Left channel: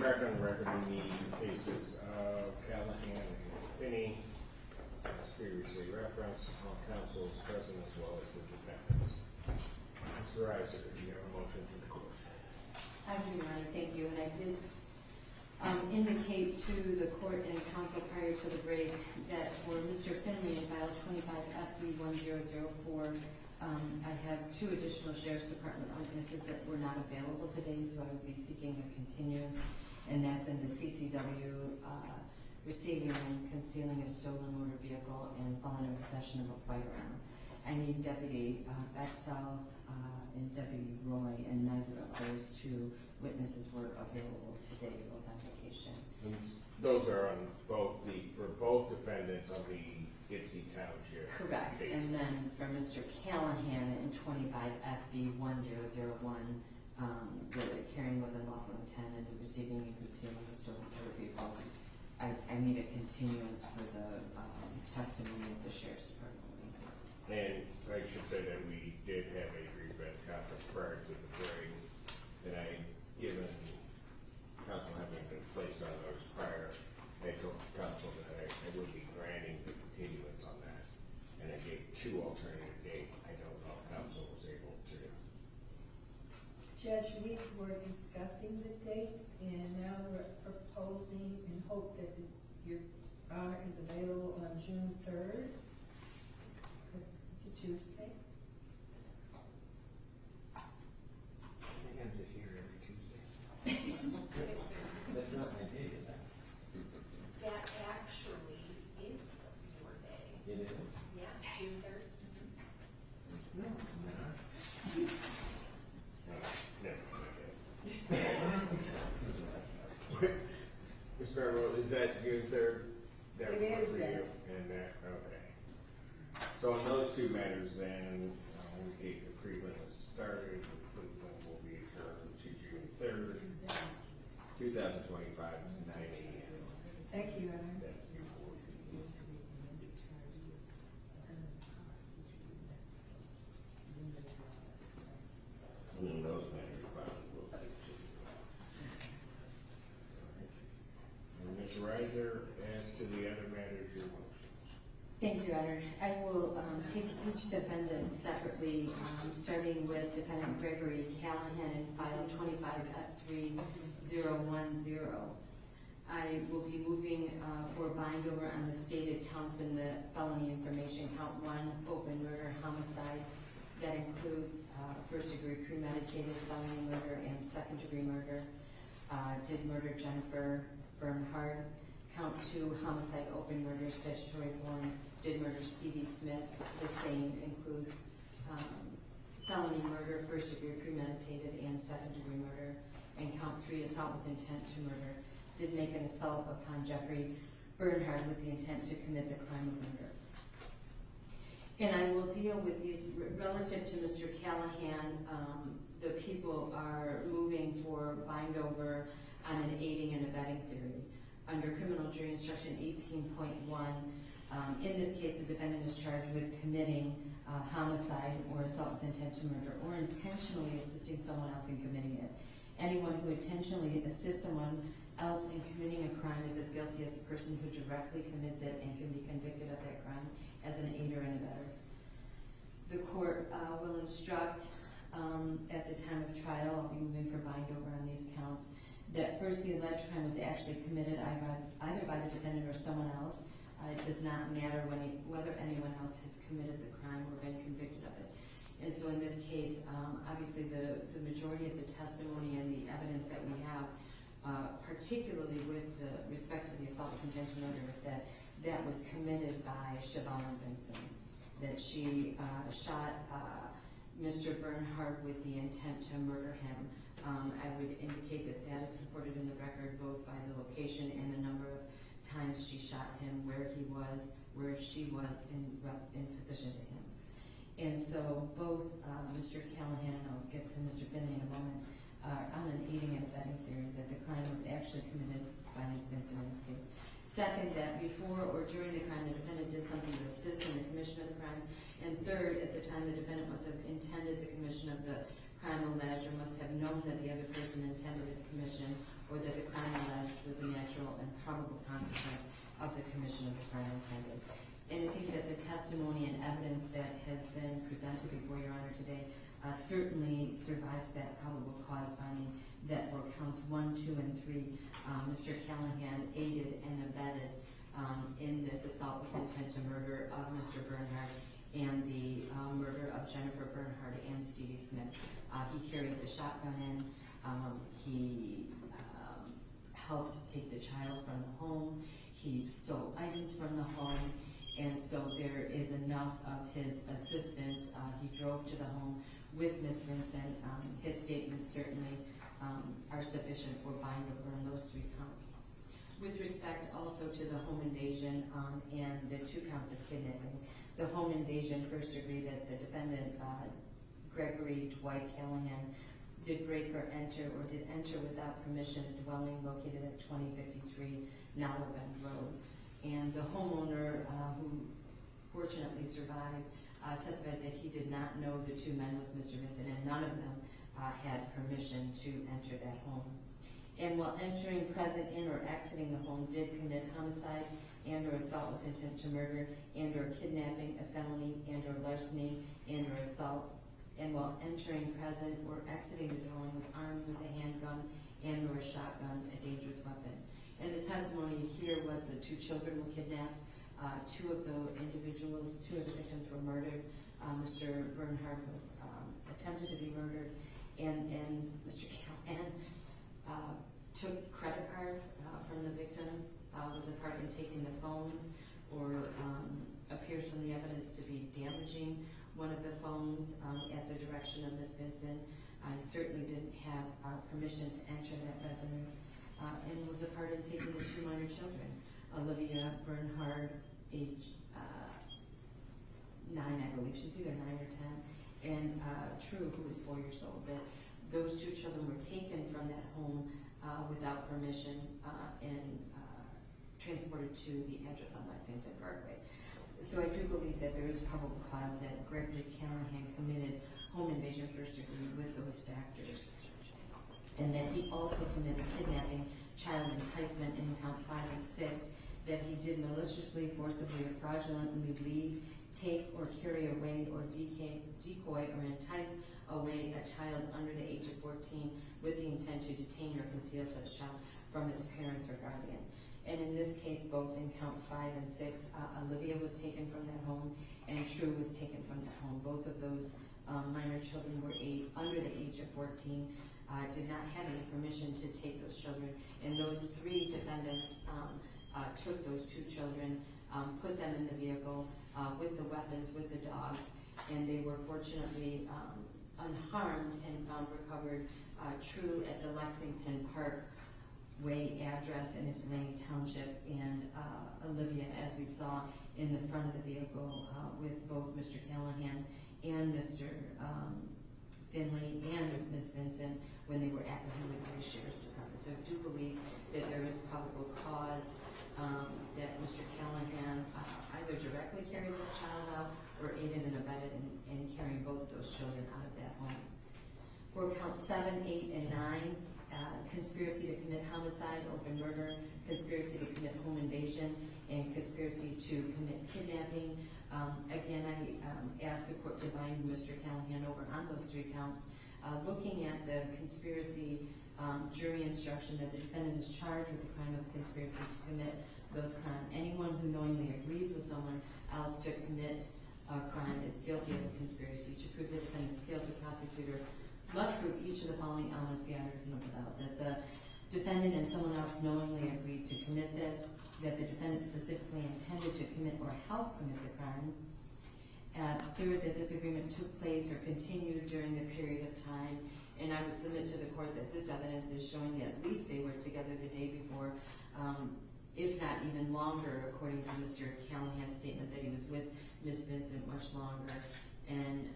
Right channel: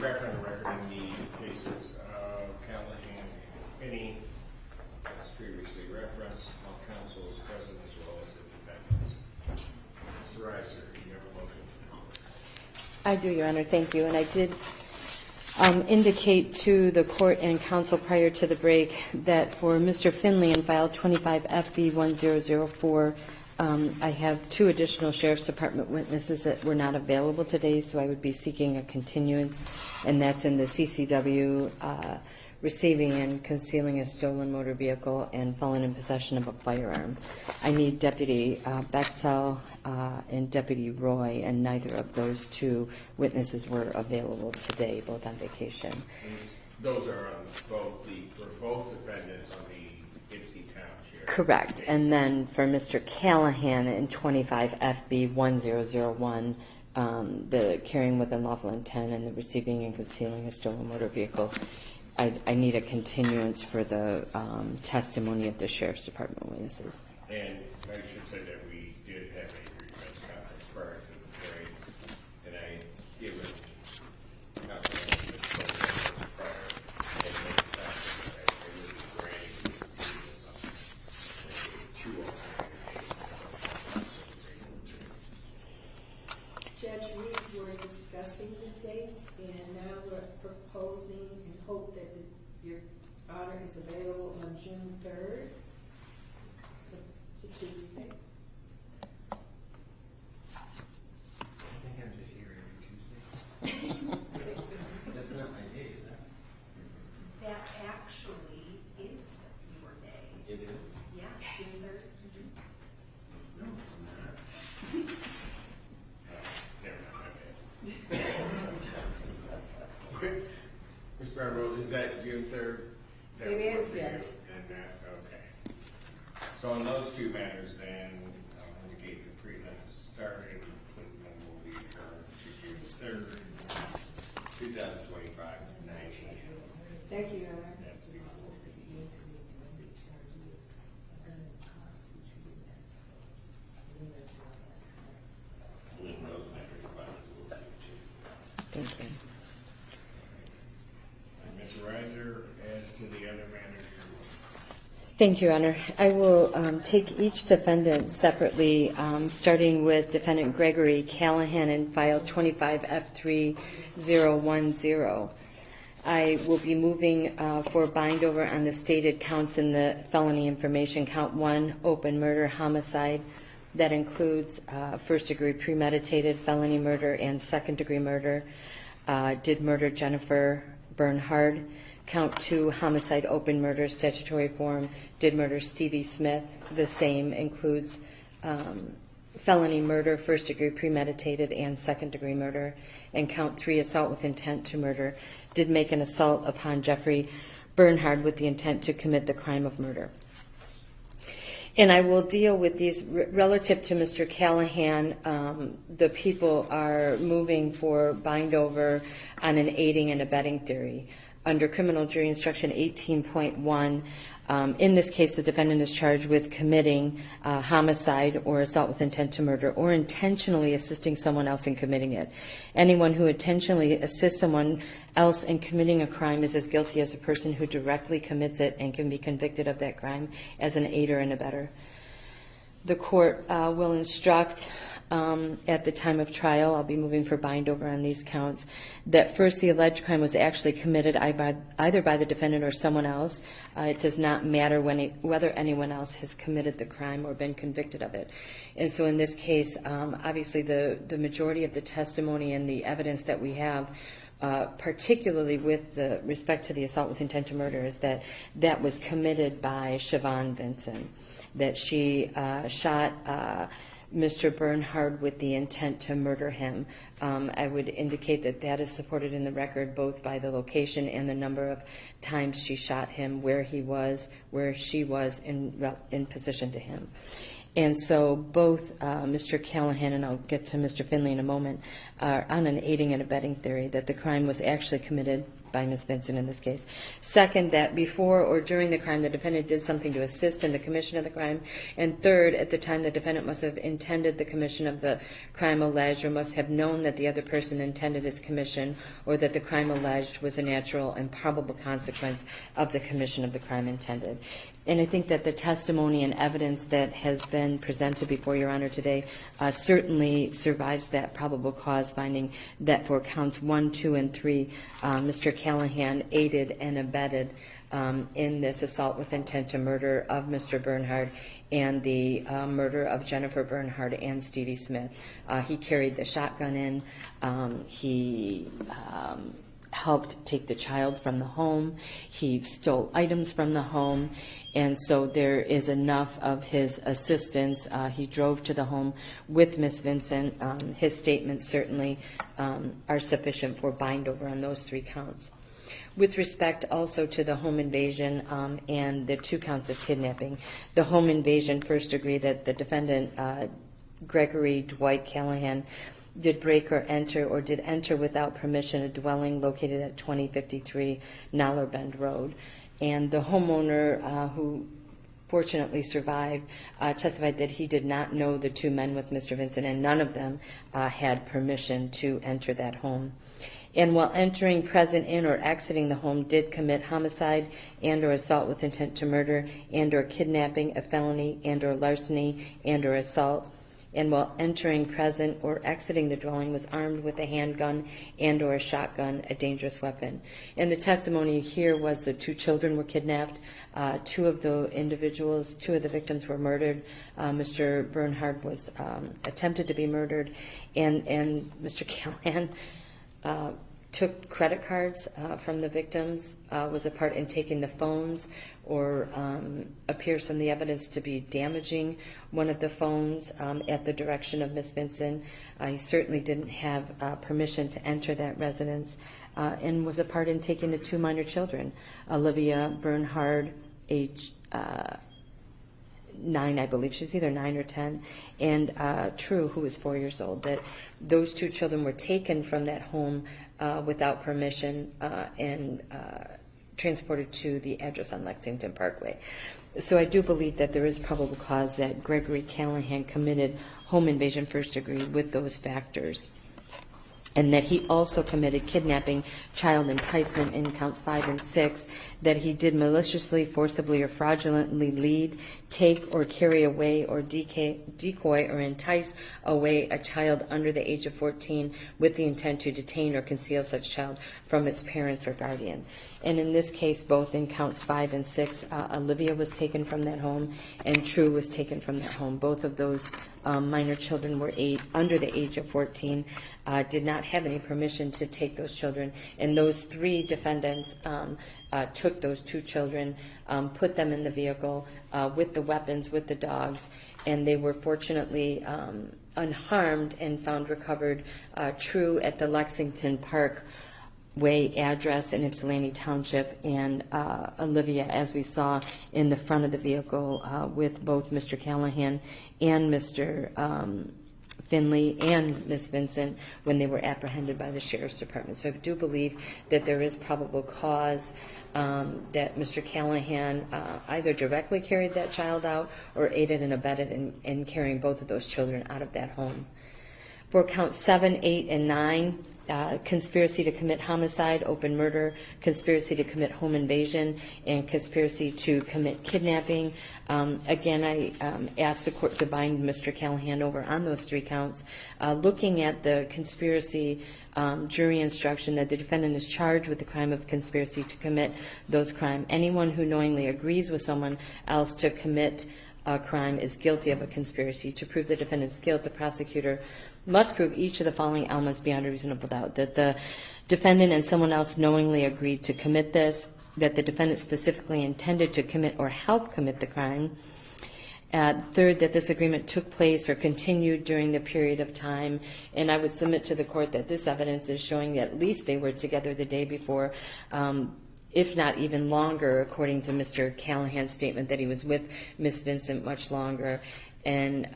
background record in the cases of Callahan and Finney, as previously referenced, all counsel is present as well as the defendants. Mr. Reiser, do you have a motion for the court? I do, Your Honor. Thank you. And I did indicate to the court and counsel prior to the break that for Mr. Finley in file 25 FB 1004, I have 2 additional Sheriff's Department witnesses that were not available today, so I would be seeking a continuance, and that's in the CCW receiving and concealing a stolen motor vehicle and felon in possession of a firearm. I need Deputy Bechtel and Deputy Roy, and neither of those 2 witnesses were available today, both on vacation. And those are on for both defendants on the Ipsy Township. Correct. case. And then for Mr. Callahan in 25 FB 1001, the carrying with unlawful intent and the receiving and concealing a stolen motor vehicle, I need a continuance for the testimony of the Sheriff's Department witnesses. And I should say that we did have a brief conference prior to the break, and I given prior I would be granting the continuance on that. And I gave 2 alternative dates that I was able to. Judge, we were discussing the dates, and now we're proposing and hope that your honor is available on June 3rd. It's a Tuesday. I think I'm just here every Tuesday. That's not my day, is that? That actually is your day. It is? Yeah, June 3rd. No, it's not. Never mind, okay. Mr. Barrow, is that June 3rd? That It works is, for you? yes. And that, okay. So on those 2 matters then, we gave the prelims started, Cleveland will be adjourned to June 3rd, 2025, 9 a.m. Thank you, Your Honor. That's before. And those matters, we'll see too. Thank you. And Ms. Reiser, as to the other matters, Thank you, Your Honor. I will take each defendant separately, starting with Defendant Gregory Callahan in file 25 F3010. I will be moving for bind over on the stated counts in the felony information. Count 1, open murder, homicide. That includes first-degree premeditated felony murder and second-degree murder. Did murder Jennifer Bernhard. Count 2, homicide, open murder, statutory form. Did murder Stevie Smith. The same includes felony murder, first-degree premeditated, and second-degree murder. And count 3, assault with intent to murder. Did make an assault upon Jeffrey Bernhard with the intent to commit the crime of murder. And I will deal with these relative to Mr. Callahan. The people are moving for bind over on an aiding and abetting theory. Under criminal jury instruction 18.1, in this case, the defendant is charged with committing homicide or assault with intent to murder or intentionally assisting someone else in committing it. Anyone who intentionally assists someone else in committing a crime is as guilty as a person who directly commits it and can be convicted of that crime as an aider and abetter. The court will instruct at the time of trial, I'll be moving for bind over on these counts, that first the alleged crime was actually committed either by the defendant or someone else. It does not matter whether anyone else has committed the crime or been convicted of it. And so in this case, obviously the majority of the testimony and the evidence that we have, particularly with the respect to the assault with intent to murder, is that that was committed by Siobhan Vinson, that she shot Mr. Bernhard with the intent to murder him. I would indicate that that is supported in the record both by the location and the number of times she shot him, where he was, where she was in position to him. And so both Mr. Callahan, and I'll get to Mr. Finley in a moment, are on an aiding and abetting theory that the crime was actually committed by Ms. Vincent in this case. Second, that before or during the crime, the defendant did something to assist in the commission of the crime. And third, at the time, the defendant must have intended the commission of the crime alleged, or must have known that the other person intended its commission, or that the crime alleged was a natural and probable consequence of the commission of the crime intended. And I think that the testimony and evidence that has been presented before Your Honor today certainly survives that probable cause finding that for counts 1, 2, and 3, Mr. Callahan aided and abetted in this assault with intent to murder of Mr. Bernhard and the murder of Jennifer Bernhard and Stevie Smith. He carried the shotgun in. He helped take the child from the home. He stole items from the home. And so there is enough of his assistance. He drove to the home with Miss Vincent. His statements certainly are sufficient for bind over on those 3 counts. With respect also to the home invasion and the 2 counts of kidnapping, the home invasion first degree that the defendant, Gregory Dwight Callahan, did break or did enter without permission a dwelling located at 2053 Noller Bend Road. And the homeowner, who fortunately survived, testified that he did not know the 2 men with Mr. Vincent, and none of them had permission to enter that home. And while entering, present in, or exiting the home, did commit homicide and or assault with intent to murder and or kidnapping, a felony and or larceny and or assault. And while entering, present, or exiting the dwelling, was armed with a handgun and or a shotgun, a dangerous weapon. And the testimony here was that 2 children were kidnapped. 2 of the individuals, 2 of the victims were murdered. Mr. Bernhard was attempted to be murdered. And Mr. Callahan took credit cards from the victims, was a part in taking the phones, or appears from the evidence to be damaging one of the phones at the direction of Miss Vincent. He certainly didn't have permission to enter that residence, and was a part in taking the 2 minor children, Olivia Bernhard, age 9, I believe. She was either 9 or 10, and True, who was 4 years old. That those 2 children were taken from that home without permission and transported to the address on Lexington Parkway. So I do believe that there is probable cause that Gregory Callahan committed home invasion first degree with those factors, and that he also committed kidnapping, child enticement in counts 5 and 6, that he did maliciously, forcibly, or fraudulently lead, take, or carry away, or decoy, or entice away a child under the age of 14 with the intent to detain or conceal such child from its parents or guardian. And in this case, both in counts 5 and 6, Olivia was taken from that home and True was taken from that home. Both of those minor children were under the age of 14, did not have any permission to take those children. And those 3 defendants took those 2 children, put them in the vehicle with the weapons, with the dogs, and they were fortunately unharmed and found recovered, True at the Lexington Park Way address in Ypsilanti Township, and Olivia, as we saw, in the front of the vehicle with both Mr. Callahan and Mr. Finley and Miss Vincent when they were apprehended by the Sheriff's Department. So I do believe that there is probable cause that Mr. Callahan either directly carried that child out or aided and abetted in carrying both of those children out of that home. For counts 7, 8, and 9, conspiracy to commit homicide, open murder, conspiracy to commit home invasion, and conspiracy to commit kidnapping. Again, I asked the court to bind Mr. Callahan over on those 3 counts. Looking at the conspiracy jury instruction, that the defendant is charged with the crime of conspiracy to commit those crimes. Anyone who knowingly agrees with someone else to commit a crime is guilty of a conspiracy. To prove the defendant's guilt, the prosecutor must prove each of the following elements beyond a reasonable doubt: that the defendant and someone else knowingly agreed to commit this, that the defendant specifically intended to commit or help commit the crime. Third, that this agreement took place or continued during the period of time. And I would submit to the court that this evidence is showing that at least they were together the day before, if not even longer, according to Mr. Callahan's statement that he was with Miss Vincent much longer. And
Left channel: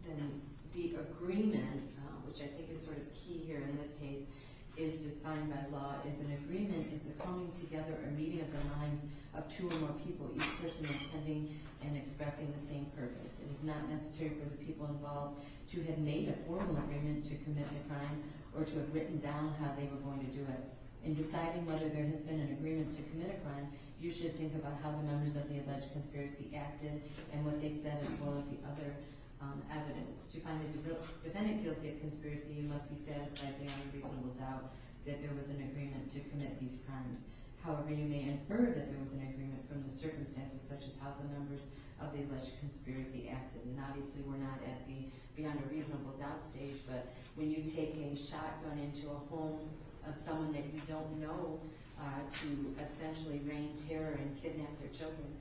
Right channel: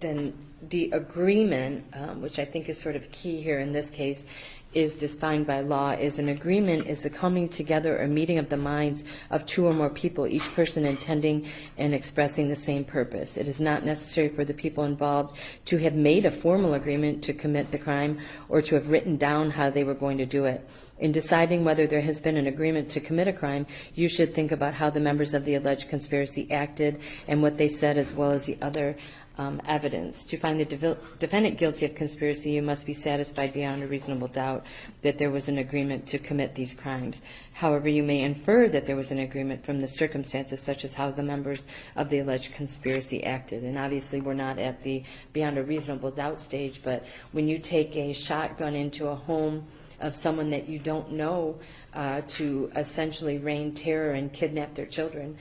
then the agreement, which I think is sort of key here in this case, is defined by law, is an agreement is the coming together or meeting of the minds of two or more people, each person intending and expressing the same purpose. It is not necessary for the people involved to have made a formal agreement to commit the crime or to have written down how they were going to do it. In deciding whether there has been an agreement to commit a crime, you should think about how the members of the alleged conspiracy acted and what they said, as well as the other evidence. To find the defendant guilty of conspiracy, you must be satisfied beyond a reasonable doubt that there was an agreement to commit these crimes. However, you may infer that there was an agreement from the circumstances, such as how the members of the alleged conspiracy acted. And obviously, we're not at the beyond a reasonable doubt stage, but when you take a shotgun into a home of someone that you don't know to essentially rain terror and kidnap their children,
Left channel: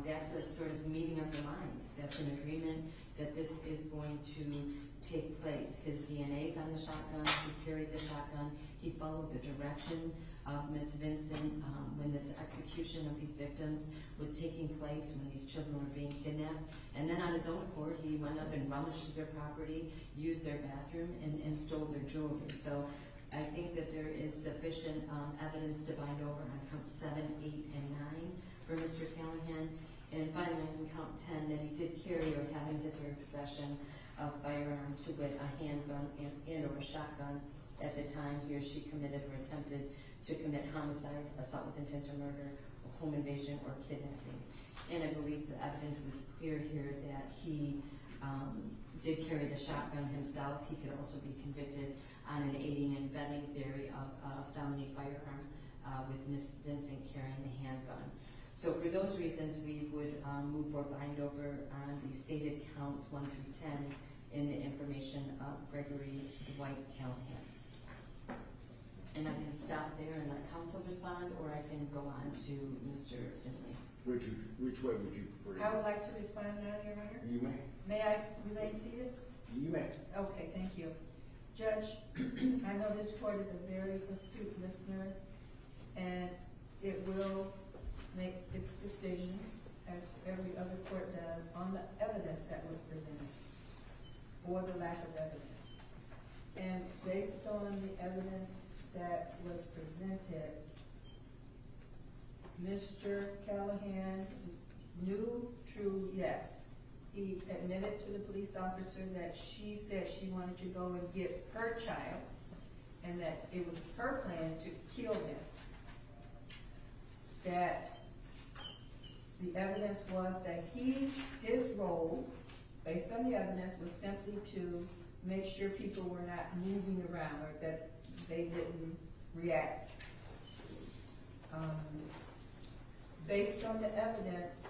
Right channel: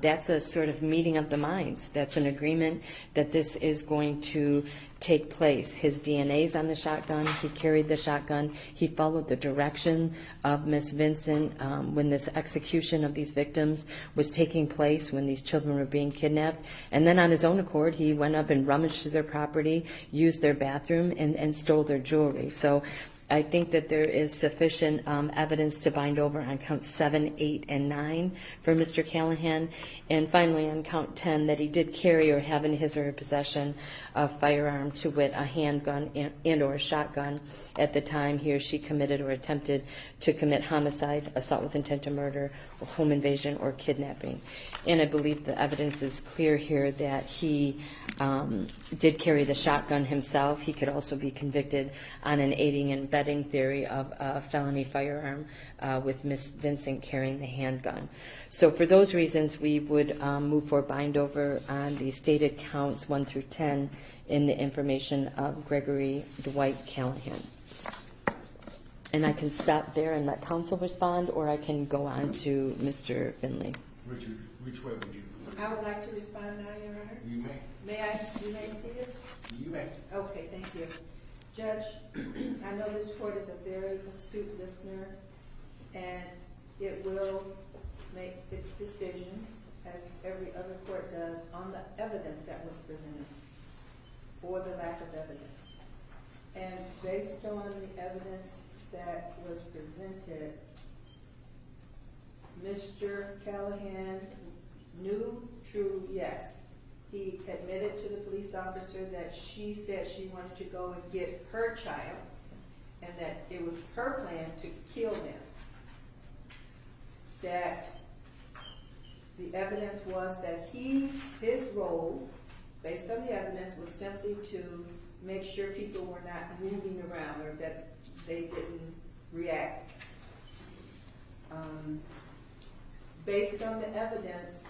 that's a sort of meeting of the minds. That's an agreement that this is going to take place. His DNA's on the shotgun. He carried the shotgun. He followed the direction of Miss Vincent when this execution of these victims was taking place, when these children were being kidnapped. And then on his own accord, he went up and rummaged through their property, used their bathroom, and stole their jewelry. So I think that there is sufficient evidence to bind over on counts 7, 8, and 9 for Mr. Callahan. And finally, on count 10, that he did carry or have in his or her possession a firearm, to wit, a handgun and or a shotgun, at the time he or she committed or attempted to commit homicide, assault with intent to murder, or home invasion, or kidnapping. And I believe the evidence is clear here that he did carry the shotgun himself. He could also be convicted on an aiding and abetting theory of a felony firearm with Miss Vincent carrying the handgun. So for those reasons, we would move for bind over on the stated counts 1 through 10 in the information of Gregory Dwight Callahan. And I can stop there and let counsel respond, or I can go on to Mr. Finley. Which way would you? I would like to respond now, Your Honor. You may. You may see it? You may. Okay, thank you. Judge, I know this court is a very astute listener, and it will make its decision, as every other court does, on the evidence that was presented, or the lack of evidence. And based on the evidence that was presented, Mr. Callahan knew, true, yes. He admitted to the police officer that she said she wanted to go and get her child, and that it was her plan to kill them. That the evidence was that his role, based on the evidence, was simply to make sure people were not moving around, or that they didn't react. Based on the evidence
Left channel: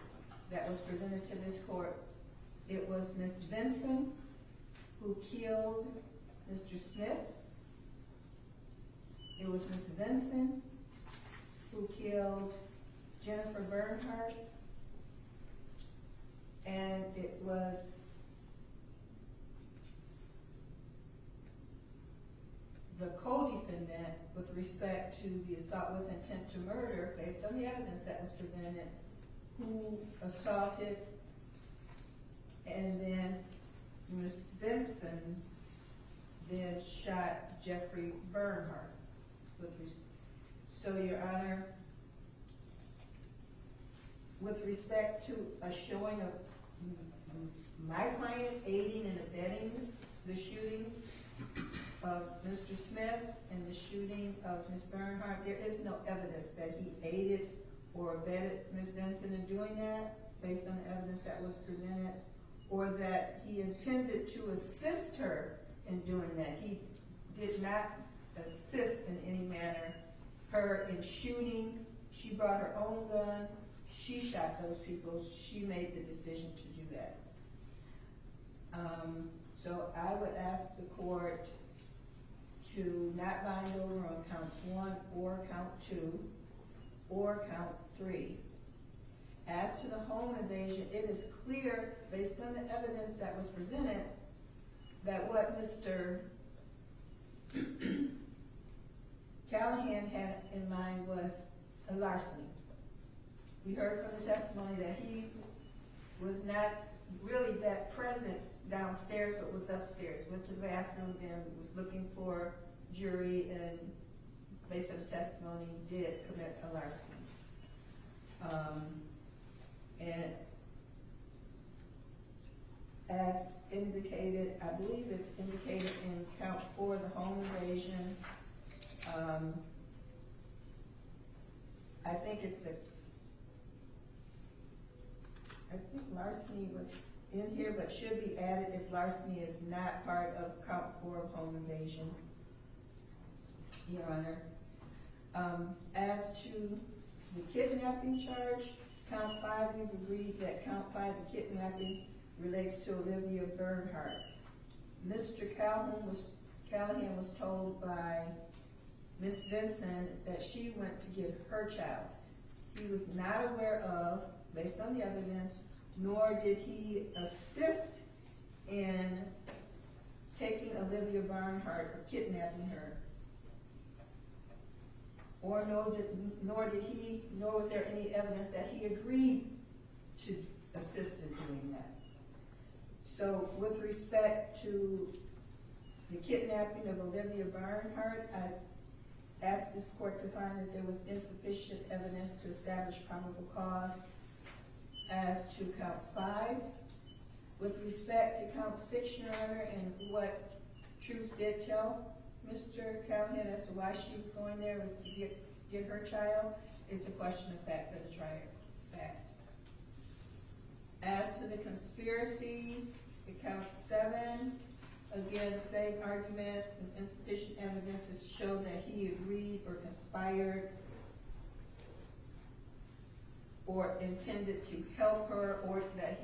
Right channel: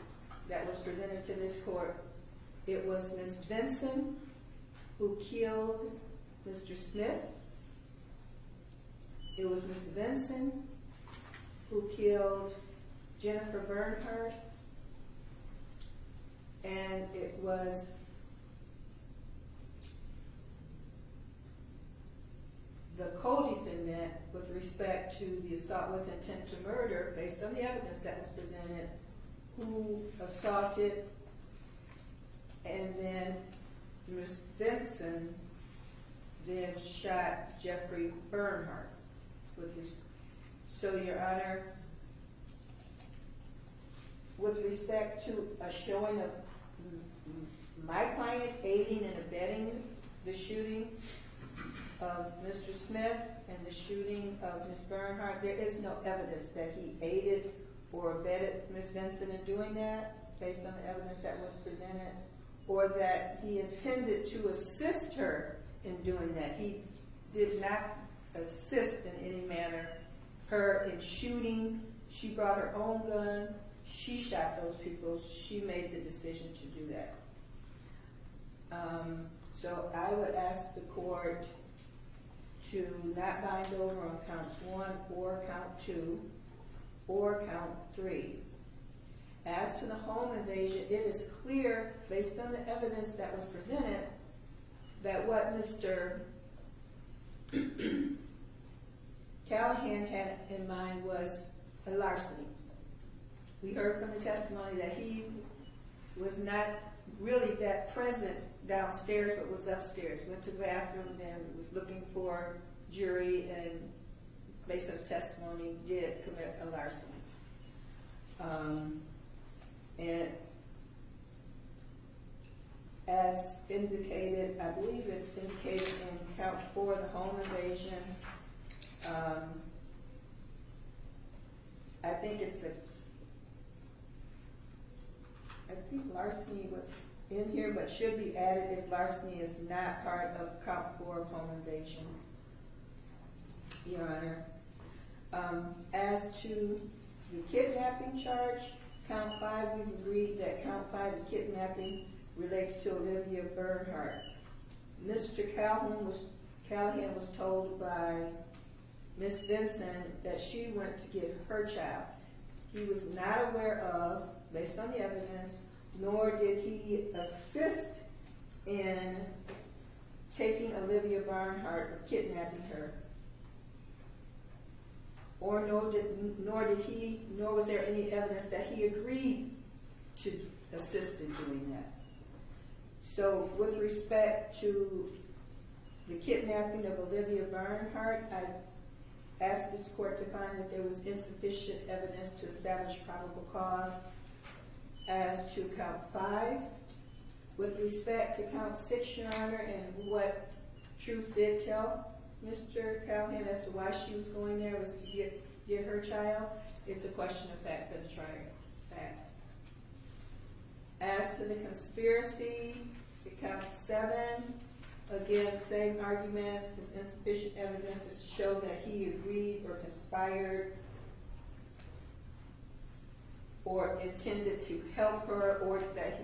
that was presented to this court, it was Miss Vincent who killed Mr. Smith. It was Miss Vincent who killed Jennifer Bernhardt. And it was the co-defendant with respect to the assault with intent to murder, based on the evidence that was presented, who assaulted, and then Ms. Vincent then shot Jeffrey Bernhardt. So, Your Honor, with respect to a showing of my client aiding and abetting the shooting of Mr. Smith and the shooting of Ms. Bernhardt, there is no evidence that he aided or abetted Ms. Vincent in doing that, based on the evidence that was presented, or that he intended to assist her in doing that. He did not assist in any manner her in shooting. She brought her own gun. She shot those people. She made the decision to do that. So I would ask the court to not bind over on counts 1 or count 2 or count 3. As to the home invasion, it is clear, based on the evidence that was presented, that what Mr. Callahan had in mind was a larceny. We heard from the testimony that he was not downstairs but was upstairs. Went to the bathroom and was looking for jury, and based on the testimony, did commit a larceny. And as indicated, I believe it's indicated in count 4, the home invasion. I think larceny was in here, but should be added if larceny is not part of count 4 of home invasion, Your Honor. As to the kidnapping charge, count 5, we've agreed that count 5, the kidnapping, relates to Olivia Bernhardt. Mr. Callahan was told by Miss Vincent that she went to get her child. He was not aware of, based on the evidence, nor did he assist in taking Olivia Bernhardt or kidnapping her. Or nor was there any evidence that he agreed to assist in doing that. So with respect to the kidnapping of Olivia Bernhardt, I asked this court to find that there was insufficient evidence to establish probable cause as to count 5. With respect to count 6, Your Honor, and what Truth did tell Mr. Callahan as to why she was going there was to get her child, it's a question of fact for the trier of fact. As to the conspiracy, it counts 7. Again, same argument, is insufficient evidence to show that he agreed or conspired or intended to help her, or that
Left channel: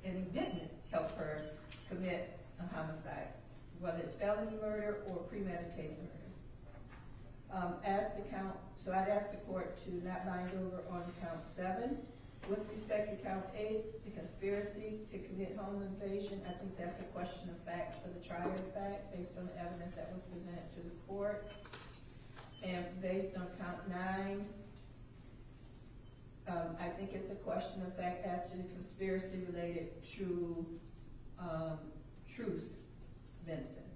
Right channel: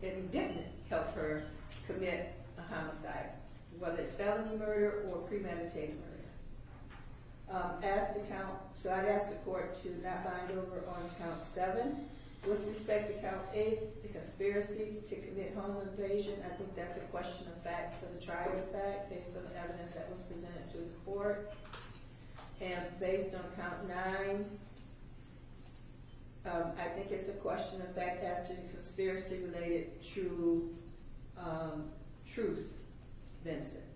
he didn't help her commit a homicide, whether it's felony murder or premeditated murder. So I'd ask the court to not bind over on count 7. With respect to count 8, the conspiracy to commit home invasion, I think that's a question of fact for the trial of fact, based on the evidence that was presented to the court. And based on count 9, I think it's a question of fact as to the conspiracy related to Truth Vincent.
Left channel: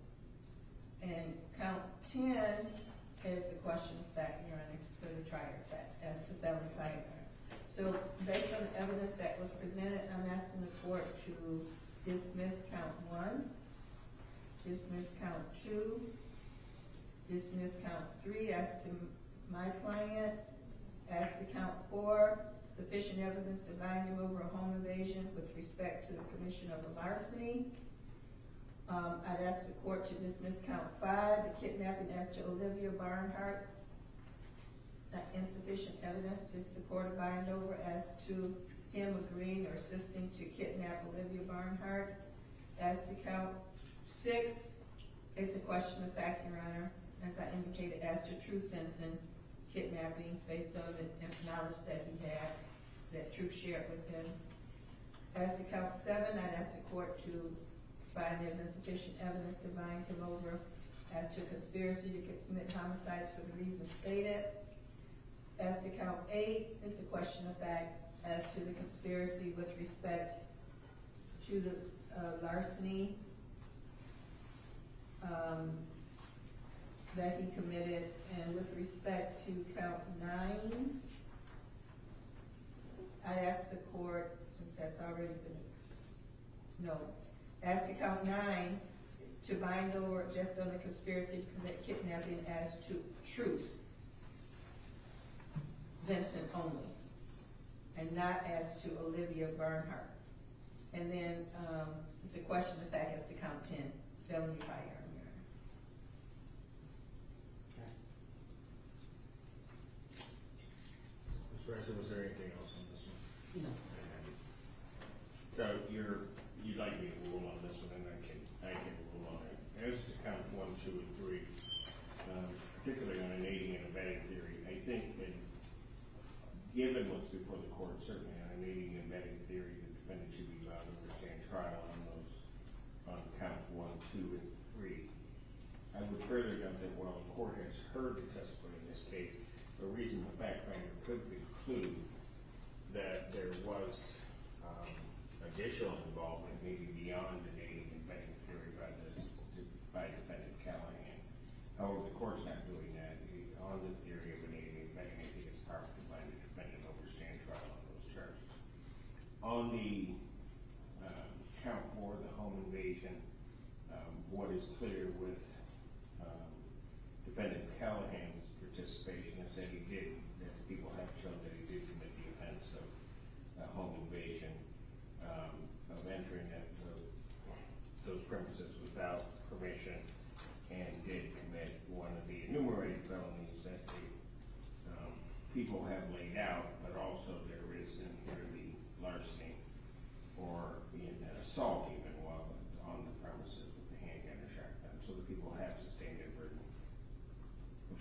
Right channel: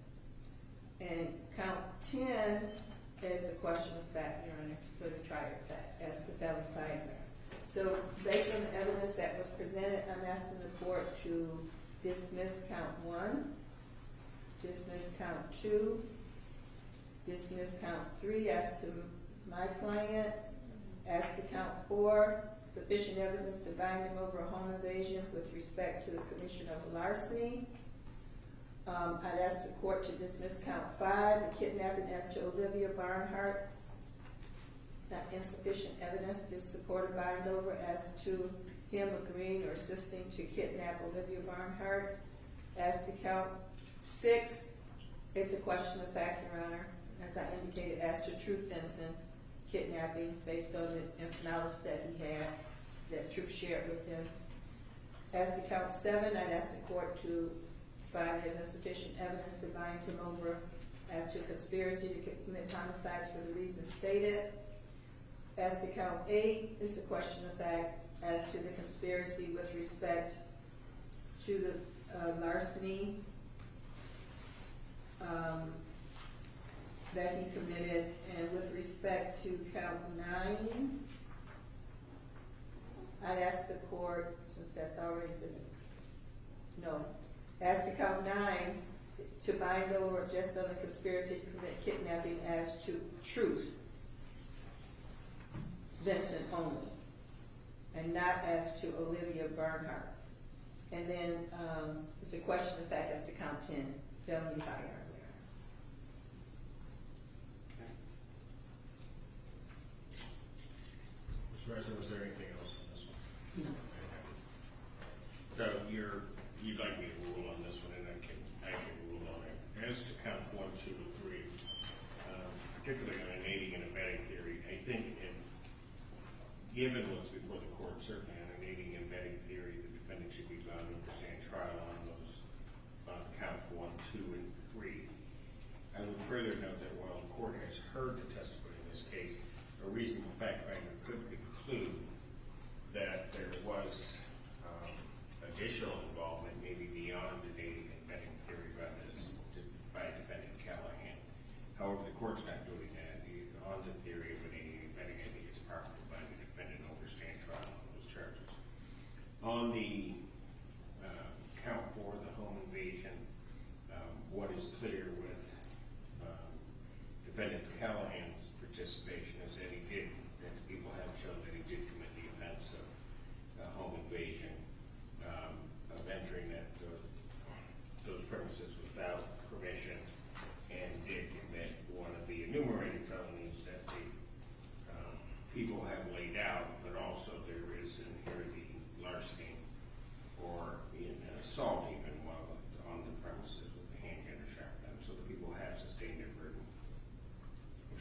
And count 10 is a question of fact, Your Honor, for the trial of fact as to felony firearm. So based on the evidence that was presented, I'm asking the court to dismiss count 1, dismiss count 2, dismiss count 3 as to my client. As to count 4, sufficient evidence to bind him over a home invasion with respect to the commission of larceny. I'd ask the court to dismiss count 5, the kidnapping as to Olivia Bernhardt. Not insufficient evidence to support a bind over as to him agreeing or assisting to kidnap Olivia Bernhardt. As to count 6, it's a question of fact, Your Honor, as I indicated, as to Truth Vincent kidnapping based on the knowledge that he had, that Truth shared with him. As to count 7, I'd ask the court to find there's insufficient evidence to bind him over as to conspiracy to commit homicides for the reasons stated. As to count 8, it's a question of fact as to the conspiracy with respect to the larceny that he committed. And with respect to count 9, I'd ask the court, since that's already been, as to count 9, to bind over just on the conspiracy to commit kidnapping as to Truth Vincent only, and not as to Olivia Bernhardt. And then it's a question of fact as to count 10, felony firearm. Mr. Ricer, was there anything else on this one? No. So you'd like me to rule on this one, and I can rule on it. As to count 1, 2, and 3, particularly on an aiding and abetting theory, I think given what's before the court, certainly on an aiding and abetting theory, the defendant should be bound to stand trial on those counts 1, 2, and 3. I would further note that while the court has heard the testimony in this case, a reasonable fact finder could conclude that there was additional involvement, maybe beyond an aiding and abetting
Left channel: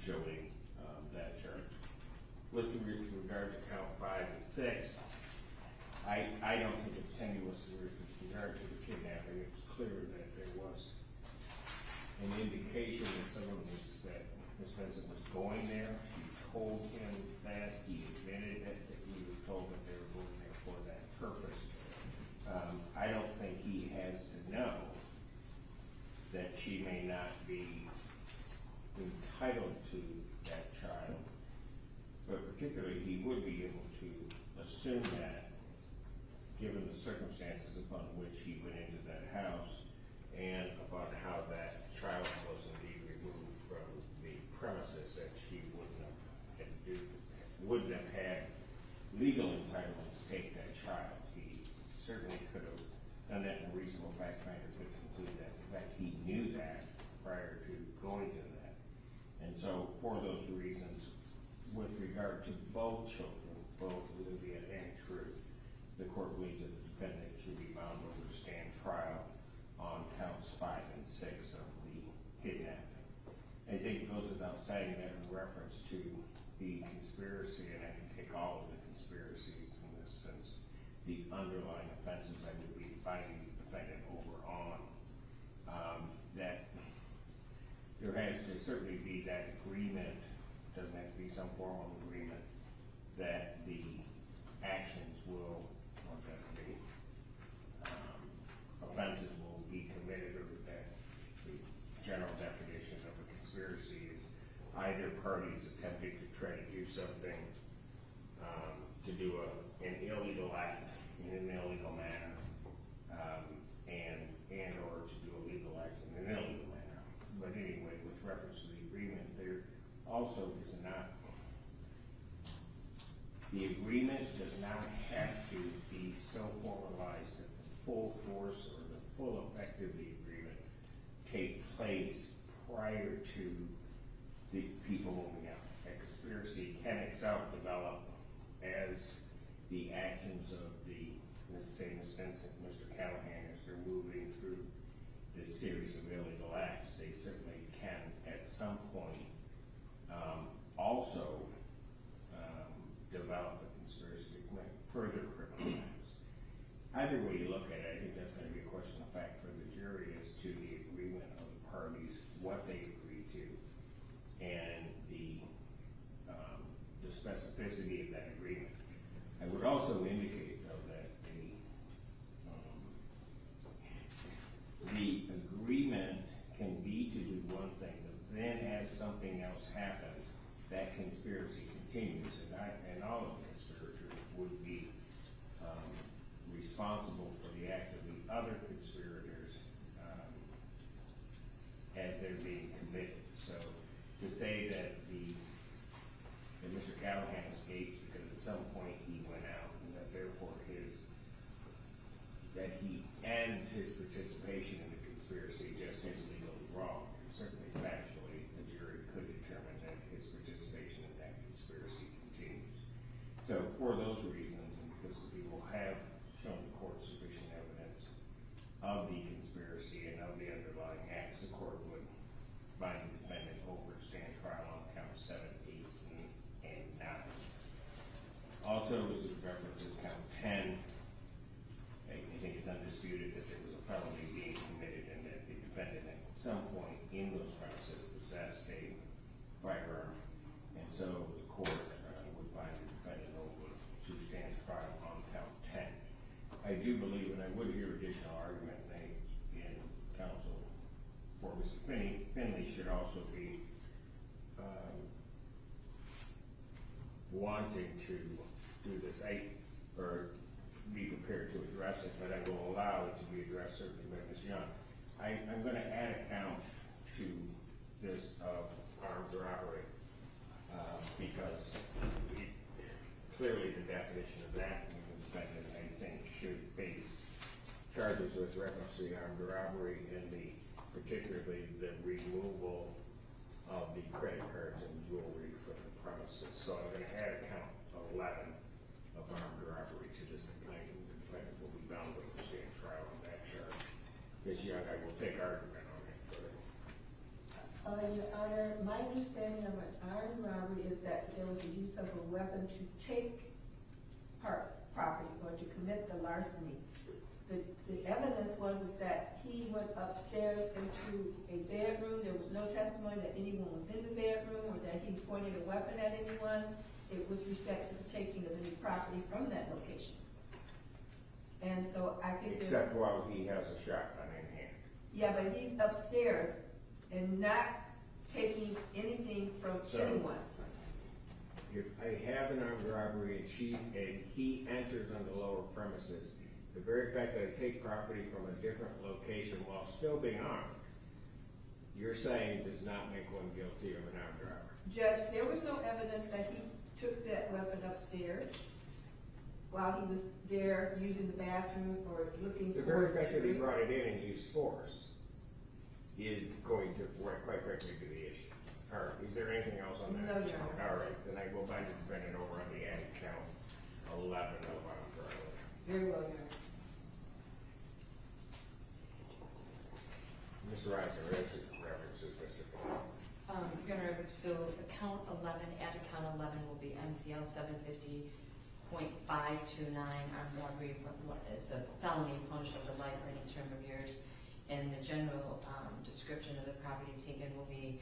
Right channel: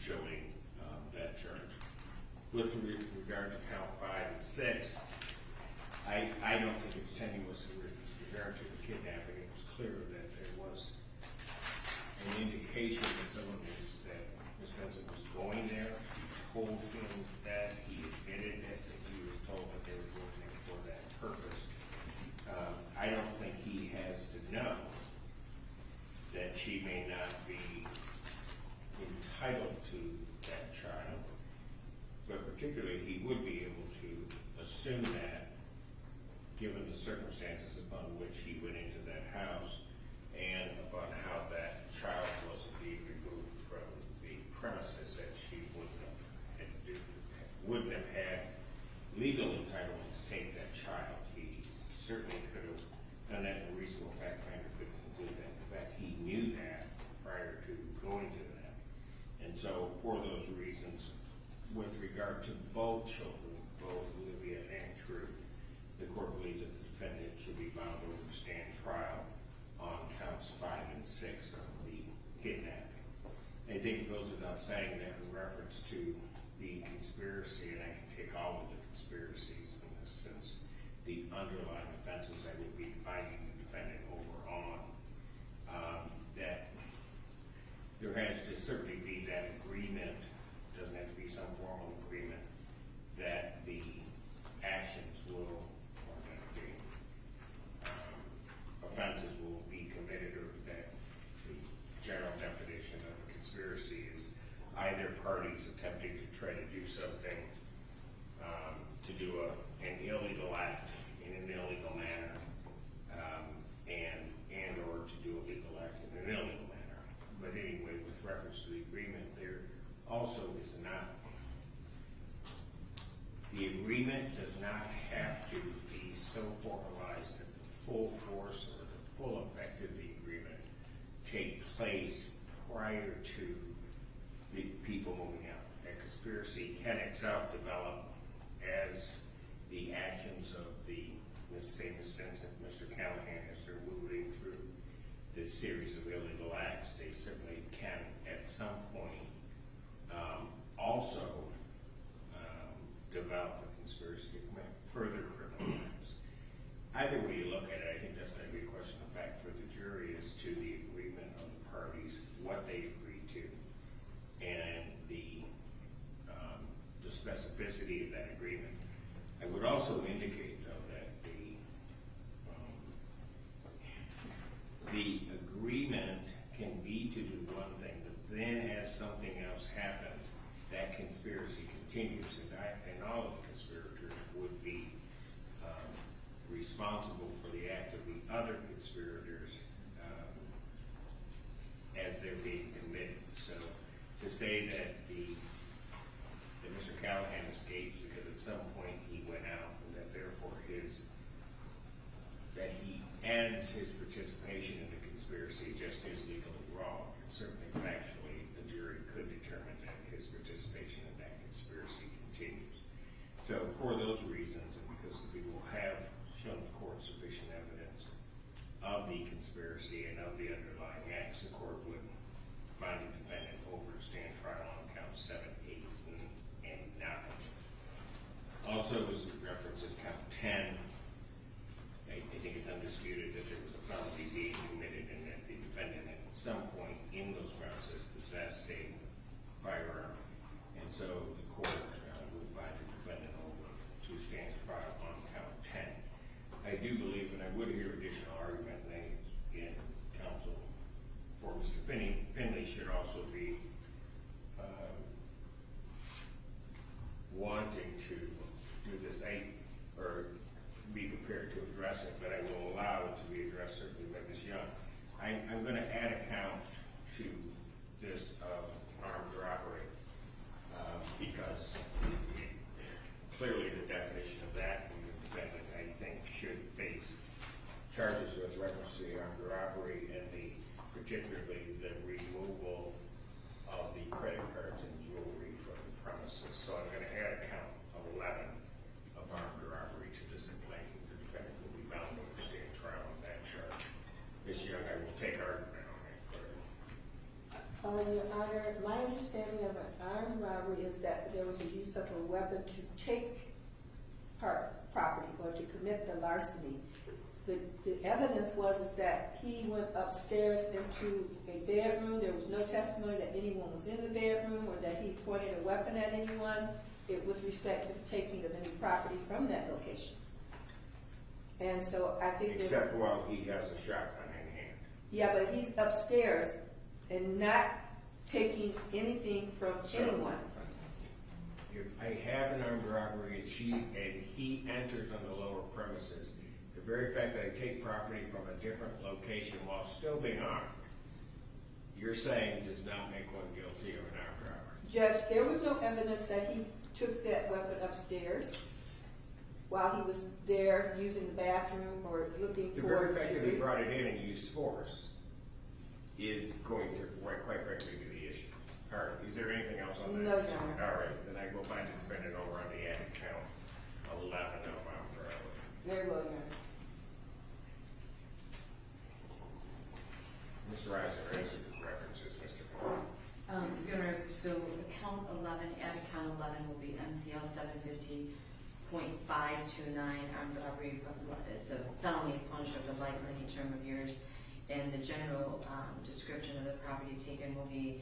showing that charge. With regard to count 5 and 6, I don't think it's tenuous with regard to the kidnapping. It was clear that there was an indication that someone was, that Ms. Benson was going there. He told him that, he admitted that he was told that they were going there for that purpose. I don't think he has to know that she may not be entitled to that child, but particularly he would be able to assume that given the circumstances upon which he went into that house and upon how that child was indeed removed from the premises, that she wouldn't have had legal entitlement to take that child. He certainly could have done that, and a reasonable fact finder could conclude that. In fact, he knew that prior to going to that. And so for those reasons, with regard to both children, both Olivia and Drew, the court believes that the defendant should be bound over to stand trial on counts 5 and 6 of the kidnapping. I think it goes without saying that in reference to the conspiracy, and I can take all of the conspiracies in this sense, the underlying offenses I would be binding the defendant over on, that there has to certainly be that agreement, doesn't have to be some formal agreement, that the actions will, or that the offenses will be committed, or that the general definition of a conspiracy is either parties attempting to try to do something, to do an illegal act in an illegal manner, and or to do a legal act in an illegal manner. But anyway, with reference to the agreement, there also is not, the agreement does not have to be so formalized that the full force or the full effect of the agreement take place prior to the people moving out. A conspiracy can itself develop as the actions of the, let's say, Ms. Vincent, Mr. Callahan, as they're moving through this series of illegal acts. They certainly can at some point also develop a conspiracy to commit further criminal acts. Either way you look at it, I think that's going to be a question of fact for the jury as to the agreement of the parties, what they agreed to, and the specificity of that agreement. I would also indicate, though, that the agreement can be to do one thing, but then as something else happens, that conspiracy continues, and all of the conspirators would be responsible for the act of the other conspirators as they're being committed. So to say that Mr. Callahan escaped because at some point he went out, and that therefore that he ends his participation in the conspiracy just is legally wrong. And certainly factually, the jury could determine that his participation in that conspiracy continues. So for those reasons, and because the people have shown the court sufficient evidence of the conspiracy and of the underlying acts, the court would find the defendant over to stand trial on counts 7, 8, and 9. Also, as it references count 10, I think it's undisputed that there was a felony being committed and that the defendant at some point in those premises possessed a firearm, and so the court would find the defendant over to stand trial on count 10. I do believe, and I would hear additional argument made in counsel for Mr. Finley should also be wanting to do this, or be prepared to address it, but I will allow it to be addressed certainly by Ms. Young. I'm going to add a count to this armed robbery because clearly the definition of that defendant, I think, should face charges with reference to the armed robbery and particularly the removal of the credit cards and jewelry from the premises. So I'm going to add a count of 11 of armed robbery to this complaint. The defendant will be bound to stand trial on that charge. Ms. Young, I will take argument on it. Your Honor, my understanding understanding of an armed robbery is that there was a use of a weapon to take property or to commit the larceny. The evidence was is that he went upstairs into a bedroom. There was no testimony that anyone was in the bedroom or that he pointed a weapon at anyone with respect to the taking of any property from that location. And so I think there's... Except while he has a shotgun in hand. Yeah, but he's upstairs and not taking anything from anyone. If I have an armed robbery and he enters on the lower premises, the very fact that I take property from a different location while still being armed, you're saying does not make one guilty of an armed robbery. Judge, there was no evidence that he took that weapon upstairs while he was there using the bathroom or looking for... The very fact that he brought it in and used force is going to, quite frankly, be the issue. All right, is there anything else on that? No, Your Honor. All right, then I go back to defendant over on the added count, 11 of armed robbery. Very well, Your Honor. Mr. Reiser, as it references Mr. Finn. Your Honor, so account 11, add account 11 will be MCL 750.529, armed robbery is a felony punishable to life or any term of years. And the general description of the property taken will be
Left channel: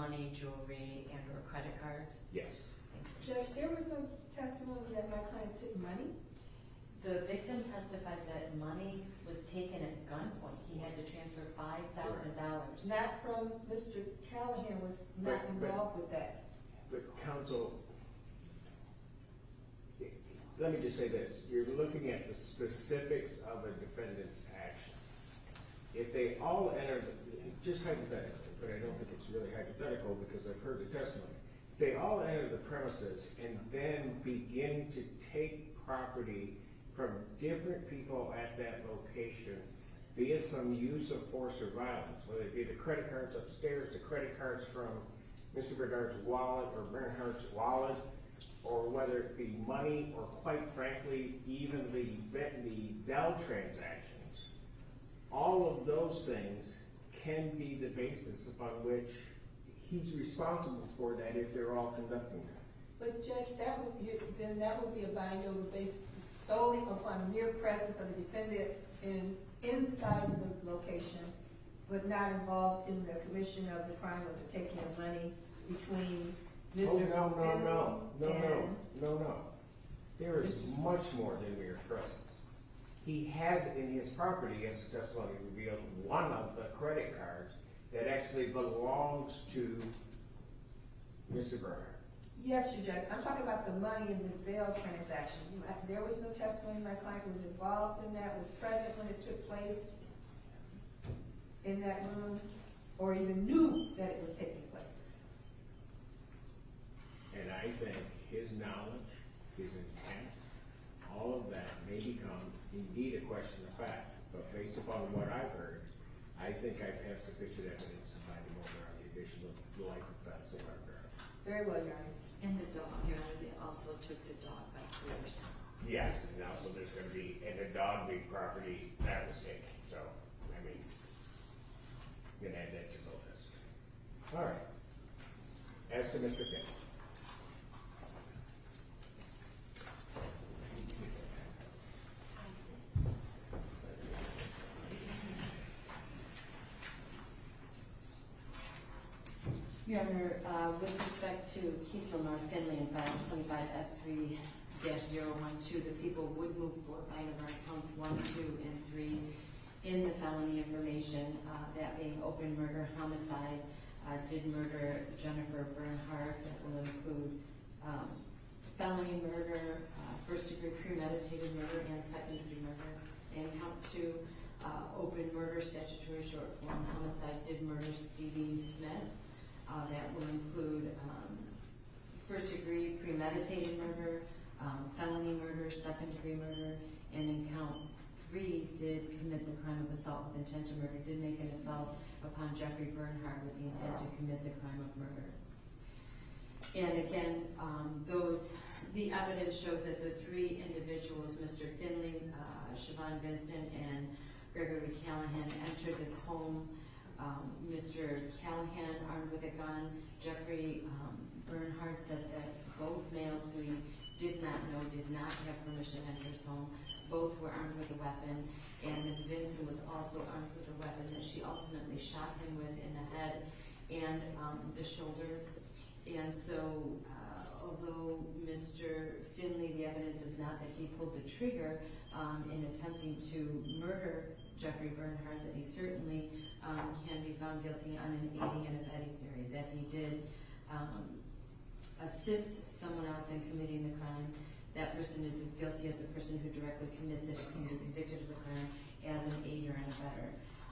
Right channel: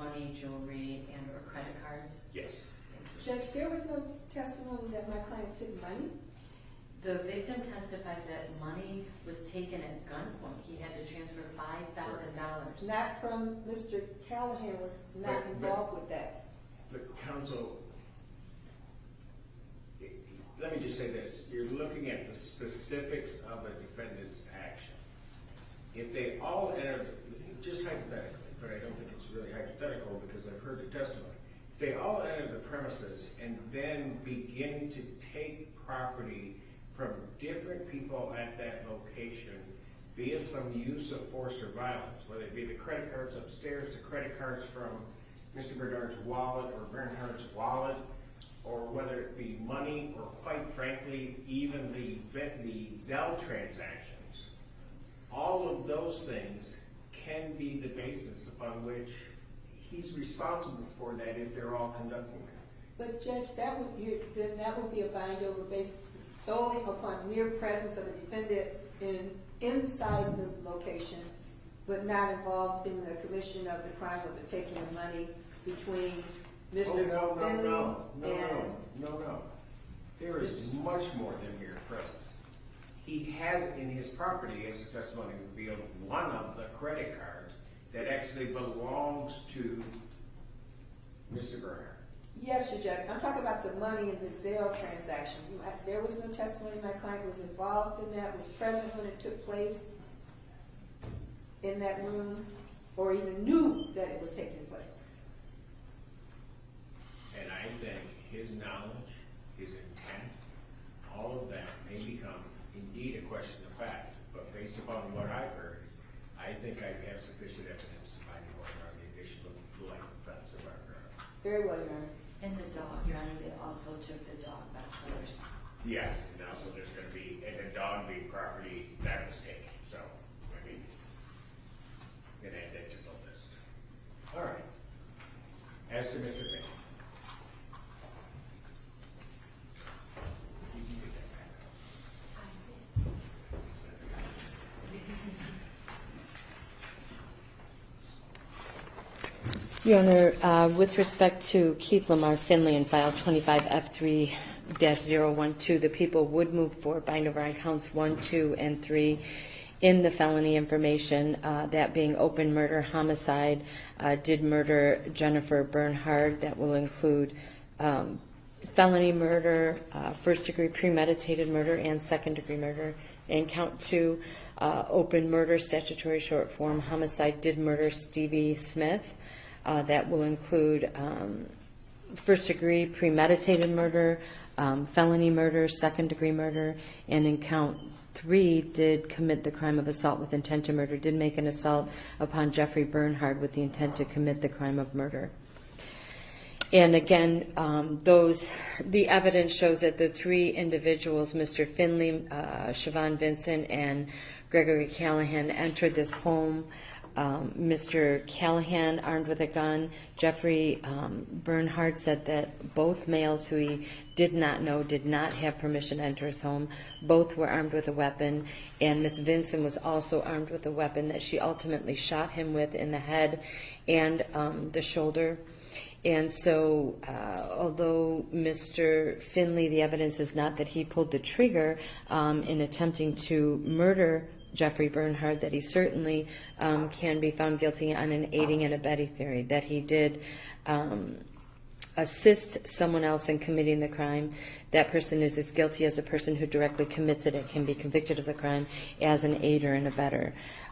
money, jewelry, and or credit cards. Yes. Judge, there was no testimony that my client took money? The victim testified that money was taken at gunpoint. He had to transfer $5,000. Not from Mr. Callahan was not involved with that. But counsel, let me just say this. You're looking at the specifics of a defendant's action. If they all enter, just hypothetically, but I don't think it's really hypothetical because I've heard the testimony. If they all enter the premises and then begin to take property from different people at that location via some use of force or violence, whether it be the credit cards upstairs, the credit cards from Mr. Bernard's wallet or Bernhardt's wallet, or whether it be money or quite frankly, even the Zelle transactions, all of those things can be the basis upon which he's responsible for that if they're all conducting that. But Judge, that would be a bind over based solely upon mere presence of the defendant inside the location, but not involved in the commission of the crime of the taking of money between Mr. Finley and... No. There is much more than mere presence. He has in his property, as the testimony revealed, one of the credit cards that actually belongs to Mr. Bernhardt. Yes, Your Judge. I'm talking about the money in the Zelle transaction. There was no testimony my client was involved in that, was present when it took place in that room, or even knew that it was taking place. And I think his knowledge, his intent, all of that may become indeed a question of fact. But based upon what I've heard, I think I have sufficient evidence to find more on the additional life offense of our crime. Very well, Your Honor. And the dog, Your Honor, they also took the dog by force. Yes, and also there's going to be, and the dog being property, that was taken. So, I mean, then add that to the list. All right. As to Mr. Finn. Your Honor, with respect to Keith Lamar Finley in file 25F3-012, the people would move for bind over on counts 1, 2, and 3 in the felony information, that being open murder, homicide, did murder Jennifer Bernhard. That will include felony murder, first-degree premeditated murder, and second-degree murder. And count 2, open murder, statutory short form, homicide, did murder Stevie Smith. That will include first-degree premeditated murder, felony murder, second-degree murder, and in count 3, did commit the crime of assault with intent to murder, did make an assault upon Jeffrey Bernhard with the intent to commit the crime of murder. And again, the evidence shows that the 3 individuals, Mr. Finley, Siobhan Vincent, and Gregory Callahan, entered this home Mr. Callahan armed with a gun. Jeffrey Bernhard said that both males who he did not know did not have permission to enter his home. Both were armed with a weapon, and Miss Vinson was also armed with a weapon that she ultimately shot him with in the head and the shoulder. And so, although Mr. Finley, the evidence is not that he pulled the trigger in attempting to murder Jeffrey Bernhard, that he certainly can be found guilty on an aiding and abetting theory, that he did assist someone else in committing the crime. That person is as guilty as a person who directly commits it and can be convicted of the crime as an aider and abetter.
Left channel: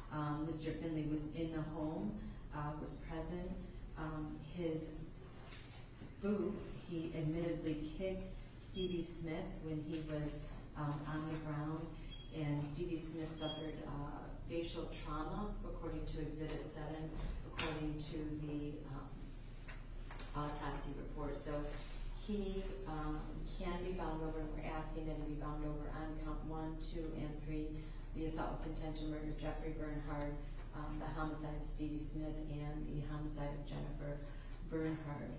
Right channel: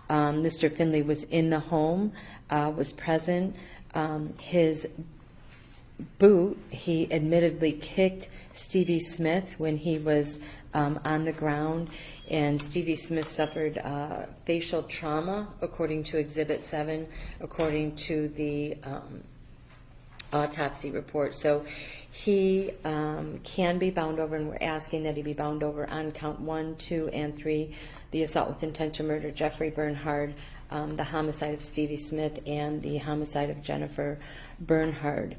Mr. Finley was in the home, was present. His boot, he admittedly kicked Stevie Smith when he was on the ground, and Stevie Smith suffered facial trauma, according to Exhibit 7, according to the autopsy report. So he can be bound over, and we're asking that he be bound over on count 1, 2, and 3, the assault with intent to murder Jeffrey Bernhard, the homicide of Stevie Smith, and the homicide of Jennifer Bernhard.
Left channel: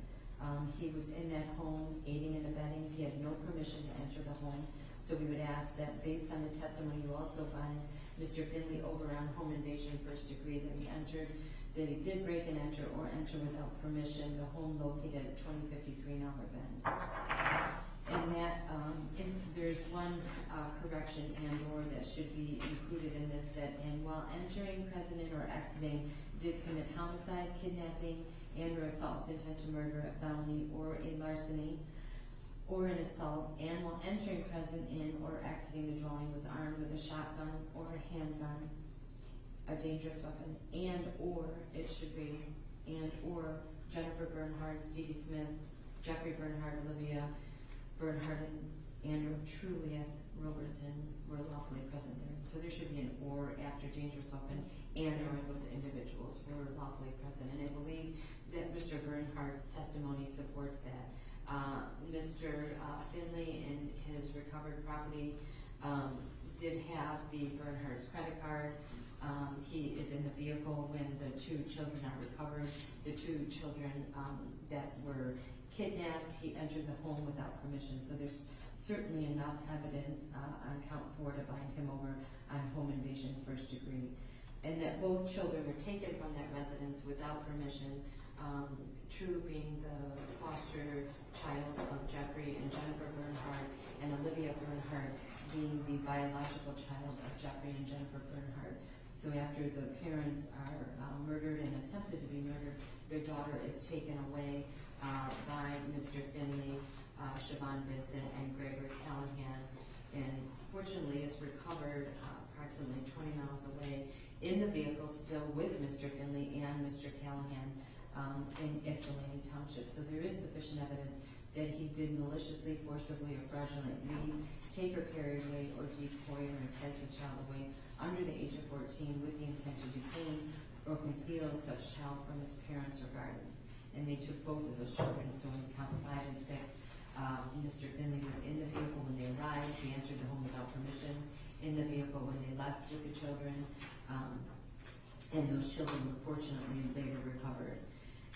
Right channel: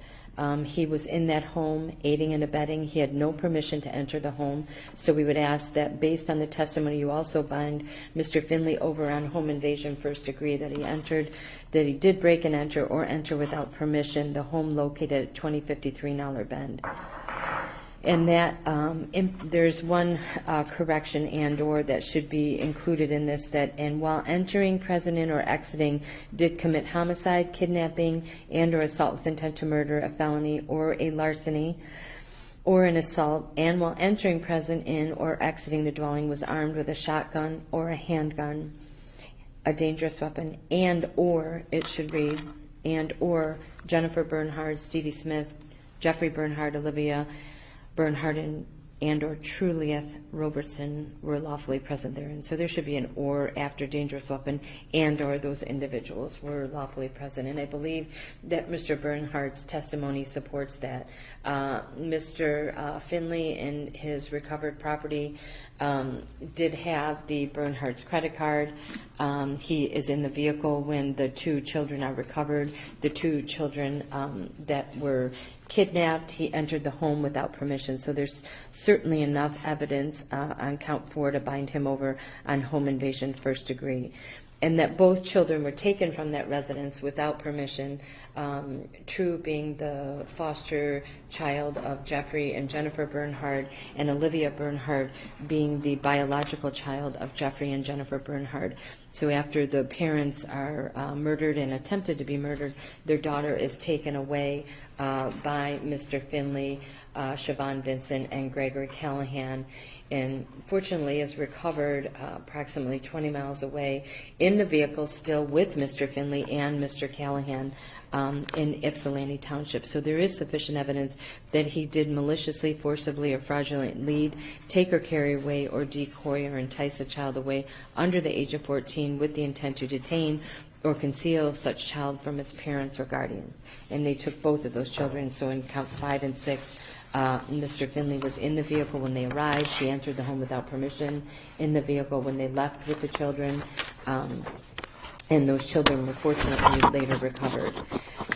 He was in that home aiding and abetting. He had no permission to enter the home. So we would ask that based on the testimony, you also bind Mr. Finley over on home invasion first degree, that he entered, that he did break and enter or enter without permission the home located at 2053 Nowler Bend. And that there's one correction and or that should be included in this, that and while entering, present in, or exiting did commit homicide, kidnapping, and or assault with intent to murder, a felony, or a larceny, or an assault, and while entering, present in, or exiting the dwelling was armed with a shotgun or a handgun, a dangerous weapon, and or, it should read, and or Jennifer Bernhard, Stevie Smith, Jeffrey Bernhard, Olivia Bernhard, and or Trulieth Robertson were lawfully present therein. So there should be an or after dangerous weapon, and or those individuals were lawfully present. And I believe that Mr. Bernhard's testimony supports that. Mr. Finley and his recovered property did have the Bernhard's credit card. He is in the vehicle when the two children are recovered. The two children that were kidnapped, he entered the home without permission. So there's certainly enough evidence on count 4 to bind him over on home invasion first degree. And that both children were taken from that residence without permission, True being the foster child of Jeffrey and Jennifer Bernhard, and Olivia Bernhard being the biological child of Jeffrey and Jennifer Bernhard. So after the parents are murdered and attempted to be murdered, their daughter is taken away by Mr. Finley, Siobhan Vincent, and Gregory Callahan, and fortunately is recovered approximately 20 miles away in the vehicle still with Mr. Finley and Mr. Callahan in Ypsilanti Township. So there is sufficient evidence that he did maliciously, forcibly, or fraudulently lead, take or carry away, or decoy or entice a child away under the age of 14 with the intent to detain or conceal such child from his parents or guardian. And they took both of those children. So in counts 5 and 6, Mr. Finley was in the vehicle when they arrived. He entered the home without permission, in the vehicle when they left with the children, and those children were fortunately later recovered.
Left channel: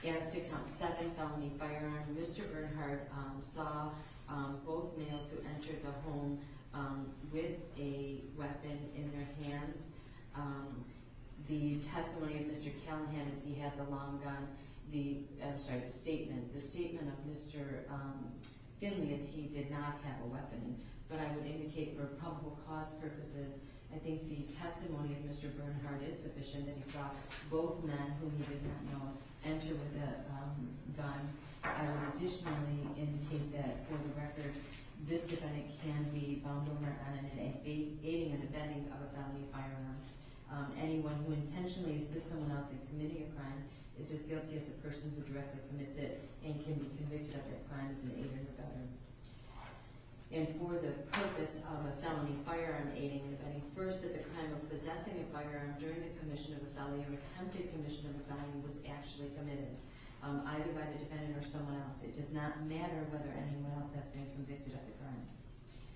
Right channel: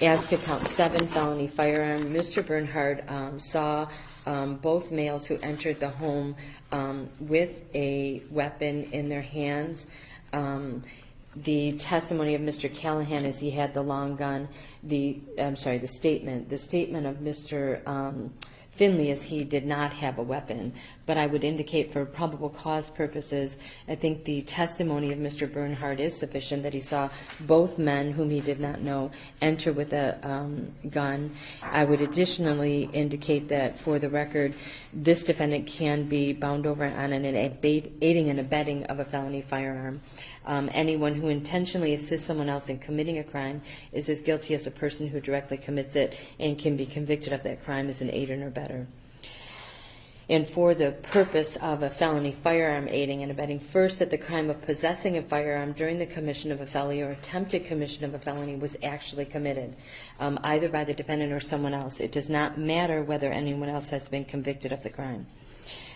As to count 7, felony firearm, Mr. Bernhard saw both males who entered the home with a weapon in their hands. The testimony of Mr. Callahan is he had the long gun. The statement of Mr. Finley is he did not have a weapon, but I would indicate for probable cause purposes, I think the testimony of Mr. Bernhard is sufficient that he saw both men whom he did not know enter with a gun. I would additionally indicate that for the record, this defendant can be bound over on an aiding and abetting of a felony firearm. Anyone who intentionally assists someone else in committing a crime is as guilty as a person who directly commits it and can be convicted of that crime as an aider or better. And for the purpose of a felony firearm aiding and abetting, first, that the crime of possessing a firearm during the commission of a felony or attempted commission of a felony was actually committed, either by the defendant or someone else. It does not matter whether anyone else has been convicted of the crime.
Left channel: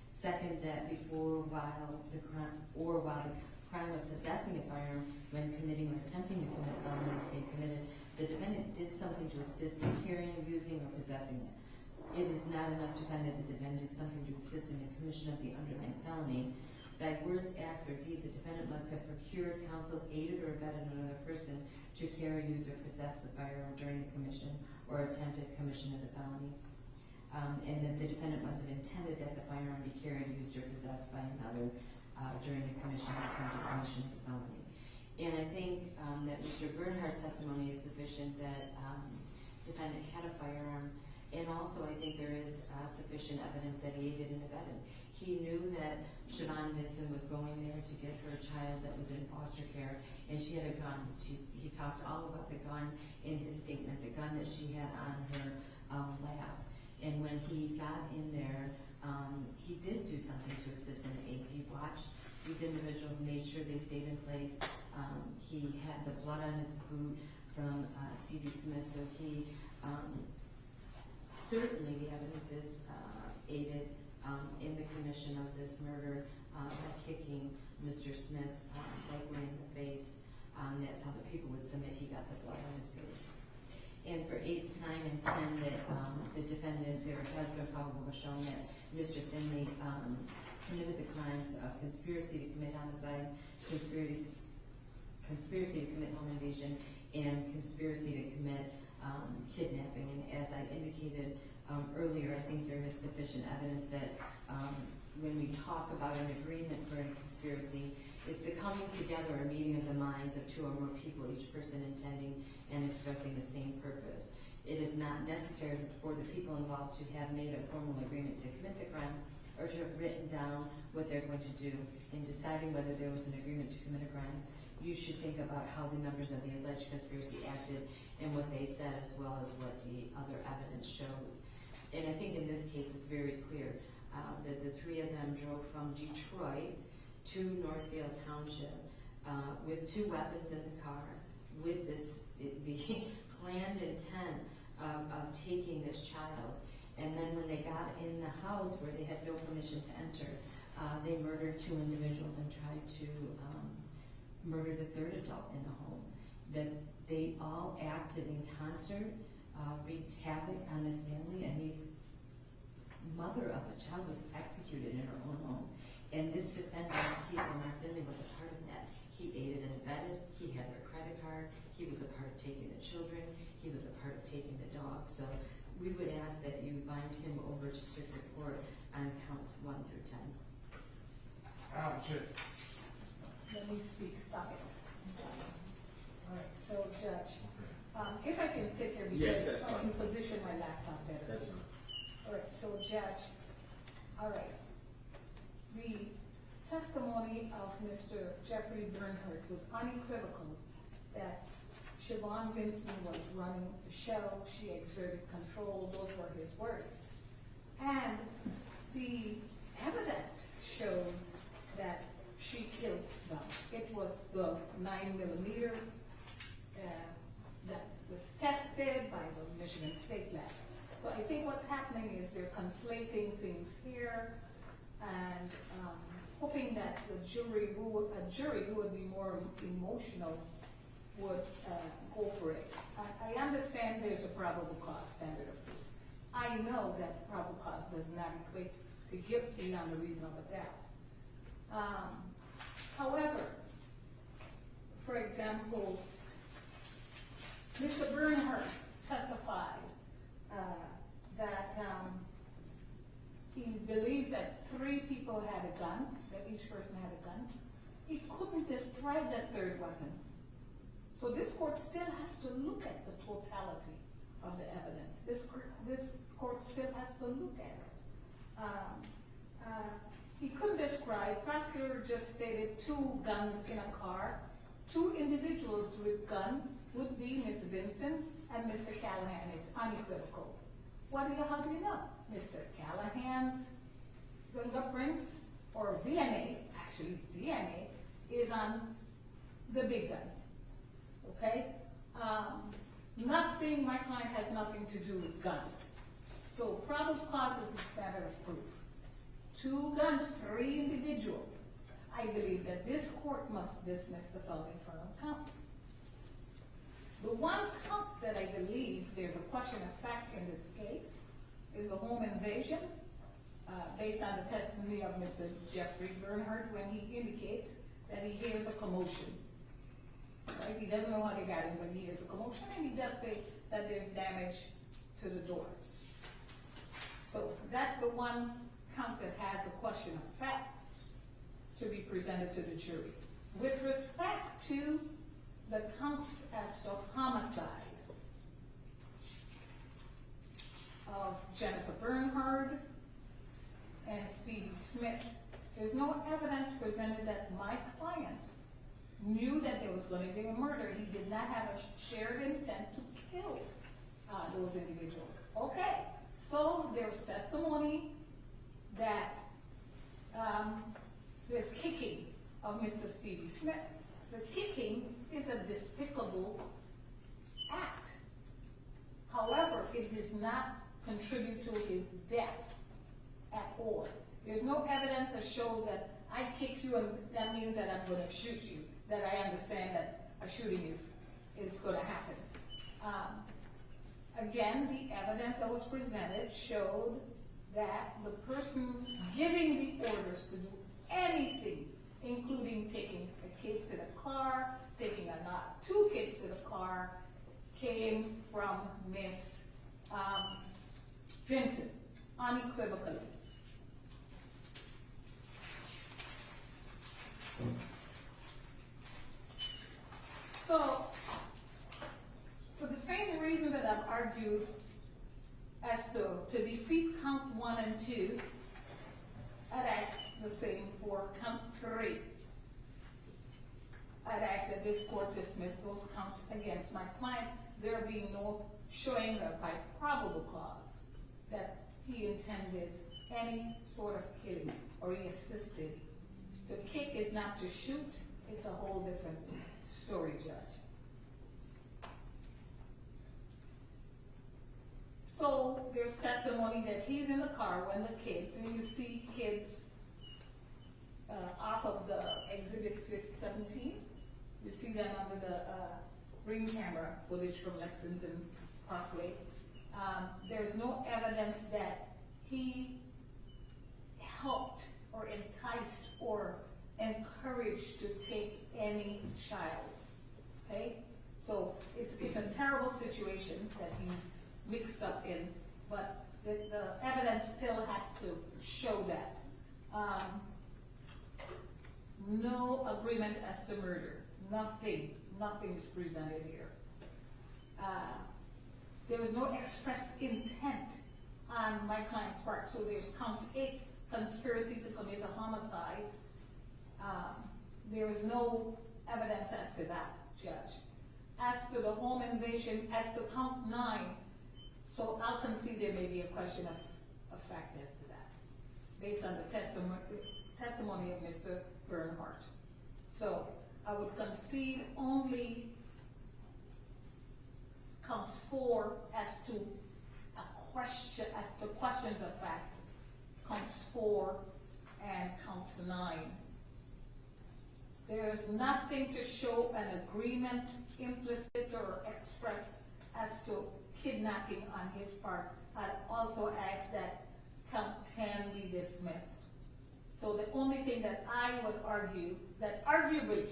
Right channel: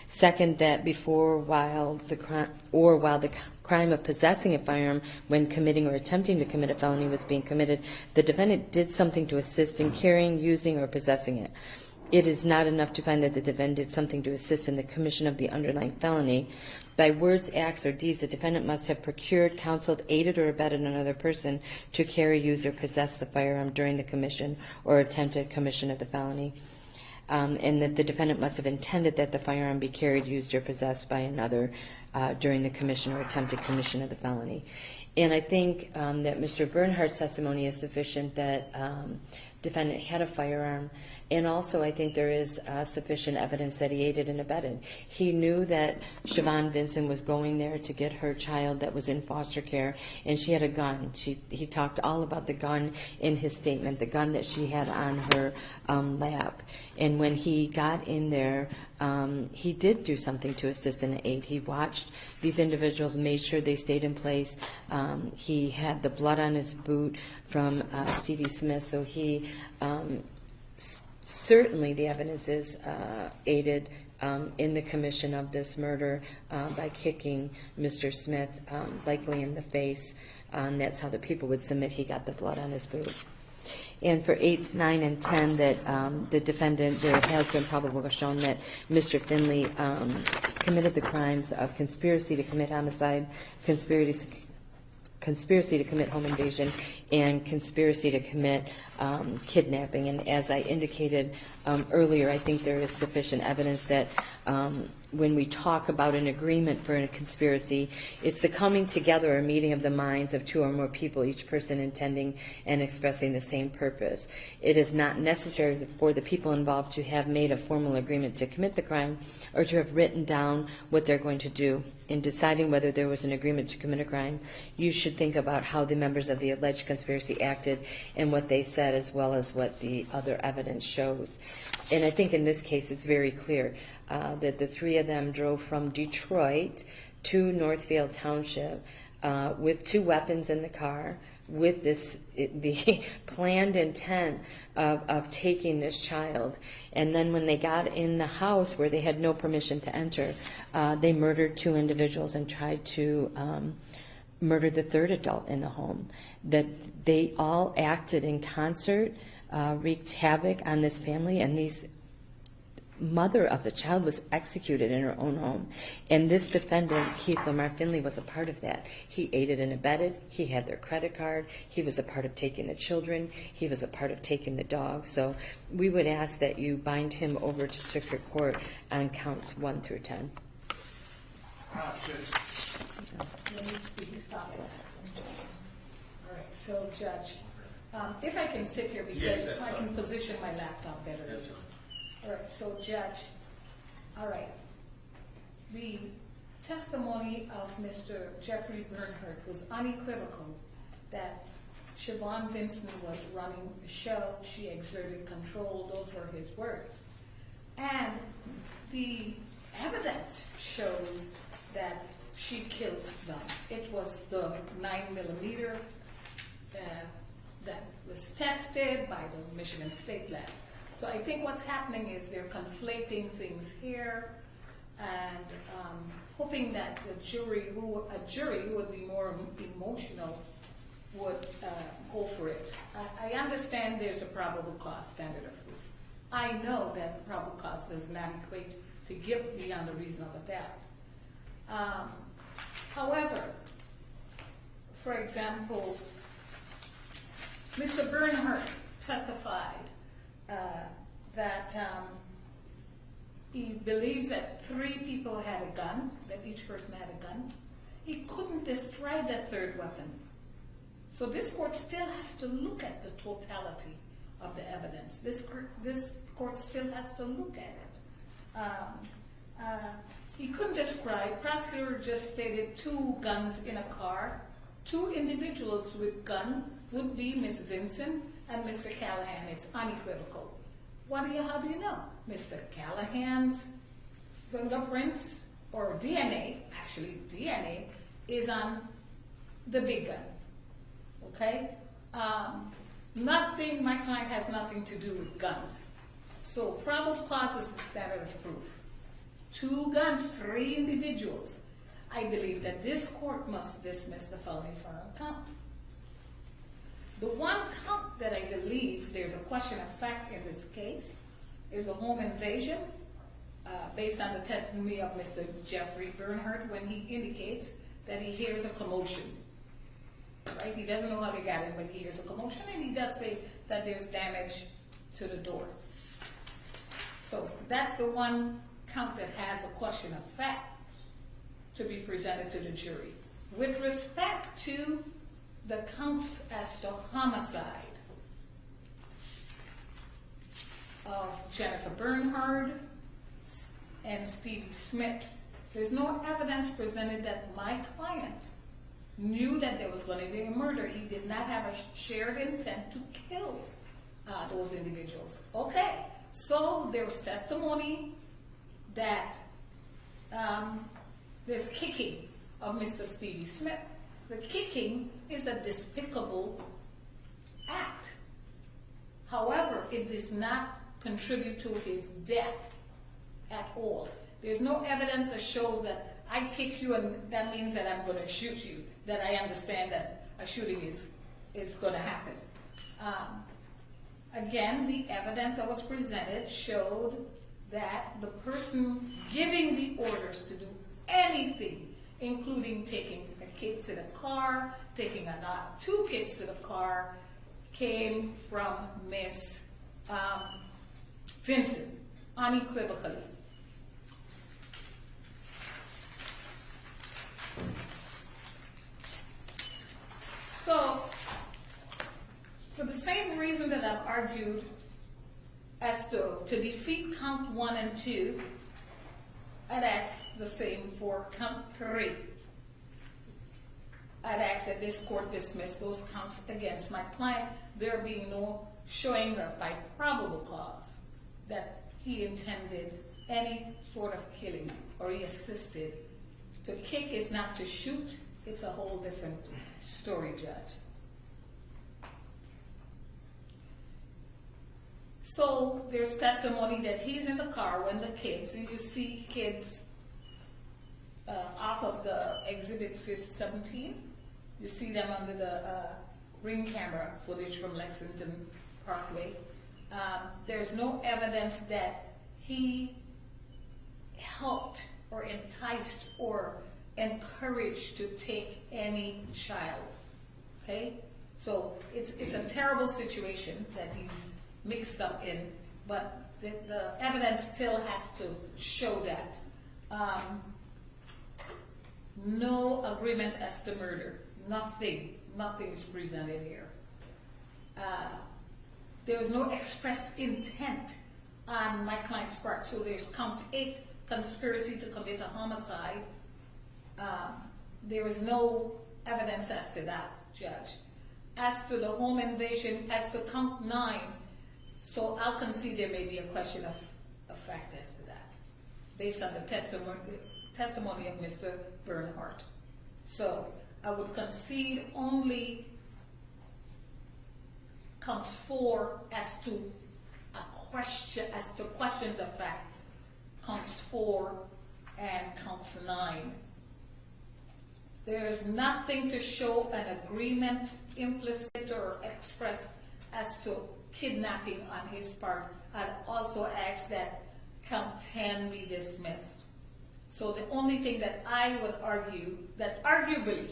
Second, that before, while the crime of possessing a firearm when committing or attempting to commit a felony was being committed, the defendant did something to assist in carrying, using, or possessing it. It is not enough to find that the defendant did something to assist in the commission of the underlying felony. By words, acts, or deeds, the defendant must have procured, counseled, aided, or abetted another person to carry, use, or possess the firearm during the commission or attempted commission of the felony. And that the defendant must have intended that the firearm be carried, used, or possessed by another during the commission or attempted commission of the felony. And I think that Mr. Bernhardt's testimony is sufficient that defendant had a firearm. And also, I think there is sufficient evidence that he aided and abetted. He knew that Siobhan Vincent was going there to get her child that was in foster care, and she had a gun. He talked all about the gun in his statement, the gun that she had on her lap. And when he got in there, he did do something to assist and aid. He watched these individuals, made sure they stayed in place. He had the blood on his boot from Stevie Smith, so he certainly the evidence is aided in the commission of this murder by kicking Mr. Smith likely in the face. That's how the people would submit he got the blood on his boot. And for 8, 9, and 10, that the defendant, there has been probable shown that Mr. Finley committed the crimes of conspiracy to commit homicide, conspiracy to commit home invasion, and conspiracy to commit kidnapping. And as I indicated earlier, I think there is sufficient evidence that when we talk about an agreement for a conspiracy, it's the coming together or meeting of the minds of 2 or more people, each person intending and expressing the same purpose. It is not necessary for the people involved to have made a formal agreement to commit the crime or to have written down what they're going to do. In deciding whether there was an agreement to commit a crime, you should think about how the members of the alleged conspiracy acted and what they said, as well as what the other evidence shows. And I think in this case it's very clear that the 3 of them drove from Detroit to Northfield Township with 2 weapons in the car, with the planned intent of taking this child. And then when they got in the house where they had no permission to enter, they murdered 2 individuals and tried to murder the 3rd adult in the home. That they all acted in concert, wreaked havoc on this family, and this mother of the child was executed in her own home. And this defendant, Keith Lamar Finley, was a part of that. He aided and abetted. He had their credit card. He was a part of taking the children. He was a part of taking the dog. So we would ask that you bind him over to circuit court on counts 1 through 10. Let me see, stop it. All right, so Judge, if I can sit here Yes, because that's I can fine. position my laptop better. Yes, sir. All right, so Judge, all right, the testimony of Mr. Jeffrey Bernhardt was unequivocal that Siobhan Vincent was running the show, she exerted control, those were his words. And the evidence shows that she killed them. It was the 9mm that was tested by the Michigan State Lab. So I think what's happening is they're conflating things here and hoping that a jury who would be more emotional would go for it. I understand there's a probable cause standard of proof. I know that probable cause does not equate to guilt beyond a reasonable doubt. However, for example, Mr. Bernhardt testified that he believes that 3 people had a gun, that each person had a gun. He couldn't describe that 3rd weapon. So this court still has to look at the totality of the evidence. This court still has to look at it. He couldn't describe, prosecutor just stated 2 guns in a car. 2 individuals with gun would be Ms. Vincent and Mr. Callahan. It's unequivocal. How do you know? Mr. Callahan's fingerprints or DNA, actually DNA, is on the big gun. Okay? My client has nothing to do with guns. So probable cause is the standard of proof. 2 guns, 3 individuals. I believe that this court must dismiss the felony count. The one count that I believe there's a question of fact in this case is a home invasion, based on the testimony of Mr. Jeffrey Bernhardt, when he indicates that he hears a commotion. Right? He doesn't know how they got in, but he hears a commotion, and he does say that there's damage to the door. So that's the one count that has a question of fact to be presented to the jury. With respect to the counts as to homicide of Jennifer Bernhard and Stevie Smith, there's no evidence presented that my client knew that there was going to be a murder. He did not have a shared intent to kill those individuals. Okay, so there's testimony that there's kicking of Mr. Stevie Smith. The kicking is a despicable act. However, it does not contribute to his death at all. There's no evidence that shows that I kick you and that means that I'm going to shoot you, that I understand that a shooting is going to happen. Again, the evidence that was presented showed that the person giving the orders to do anything, including taking a kid to the car, taking two kids to the car, came from Miss Vincent, unequivocally. So, for the same reason that I've argued as to defeat count 1 and 2, I'd ask the same for count 3. I'd ask that this court dismiss those counts against my client, there being no showing by probable cause that he intended any sort of killing or he assisted. To kick is not to shoot, it's a whole different story, Judge. So there's testimony that he's in the car when the kids, and you see kids off of the exhibit 17, you see them under the ring camera footage from Lexington Parkway. There's no evidence that he helped or enticed or encouraged to take any child, okay? So it's a terrible situation that he's mixed up in, but the evidence still has to show that. No agreement as to murder, nothing is presented here. There was no expressed intent on my client's part, so there's count 8, conspiracy to commit a homicide. There is no evidence as to that, Judge. As to the home invasion, as to count 9, so I'll concede there may be a question of fact as to that, based on the testimony of Mr. Bernhardt. So I would concede only counts 4 as to questions of fact, counts 4 and counts 9. There's nothing to show an agreement, implicit or expressed, as to kidnapping on his part. I'd also ask that count 10 be dismissed. So the only thing that I would argue, that arguably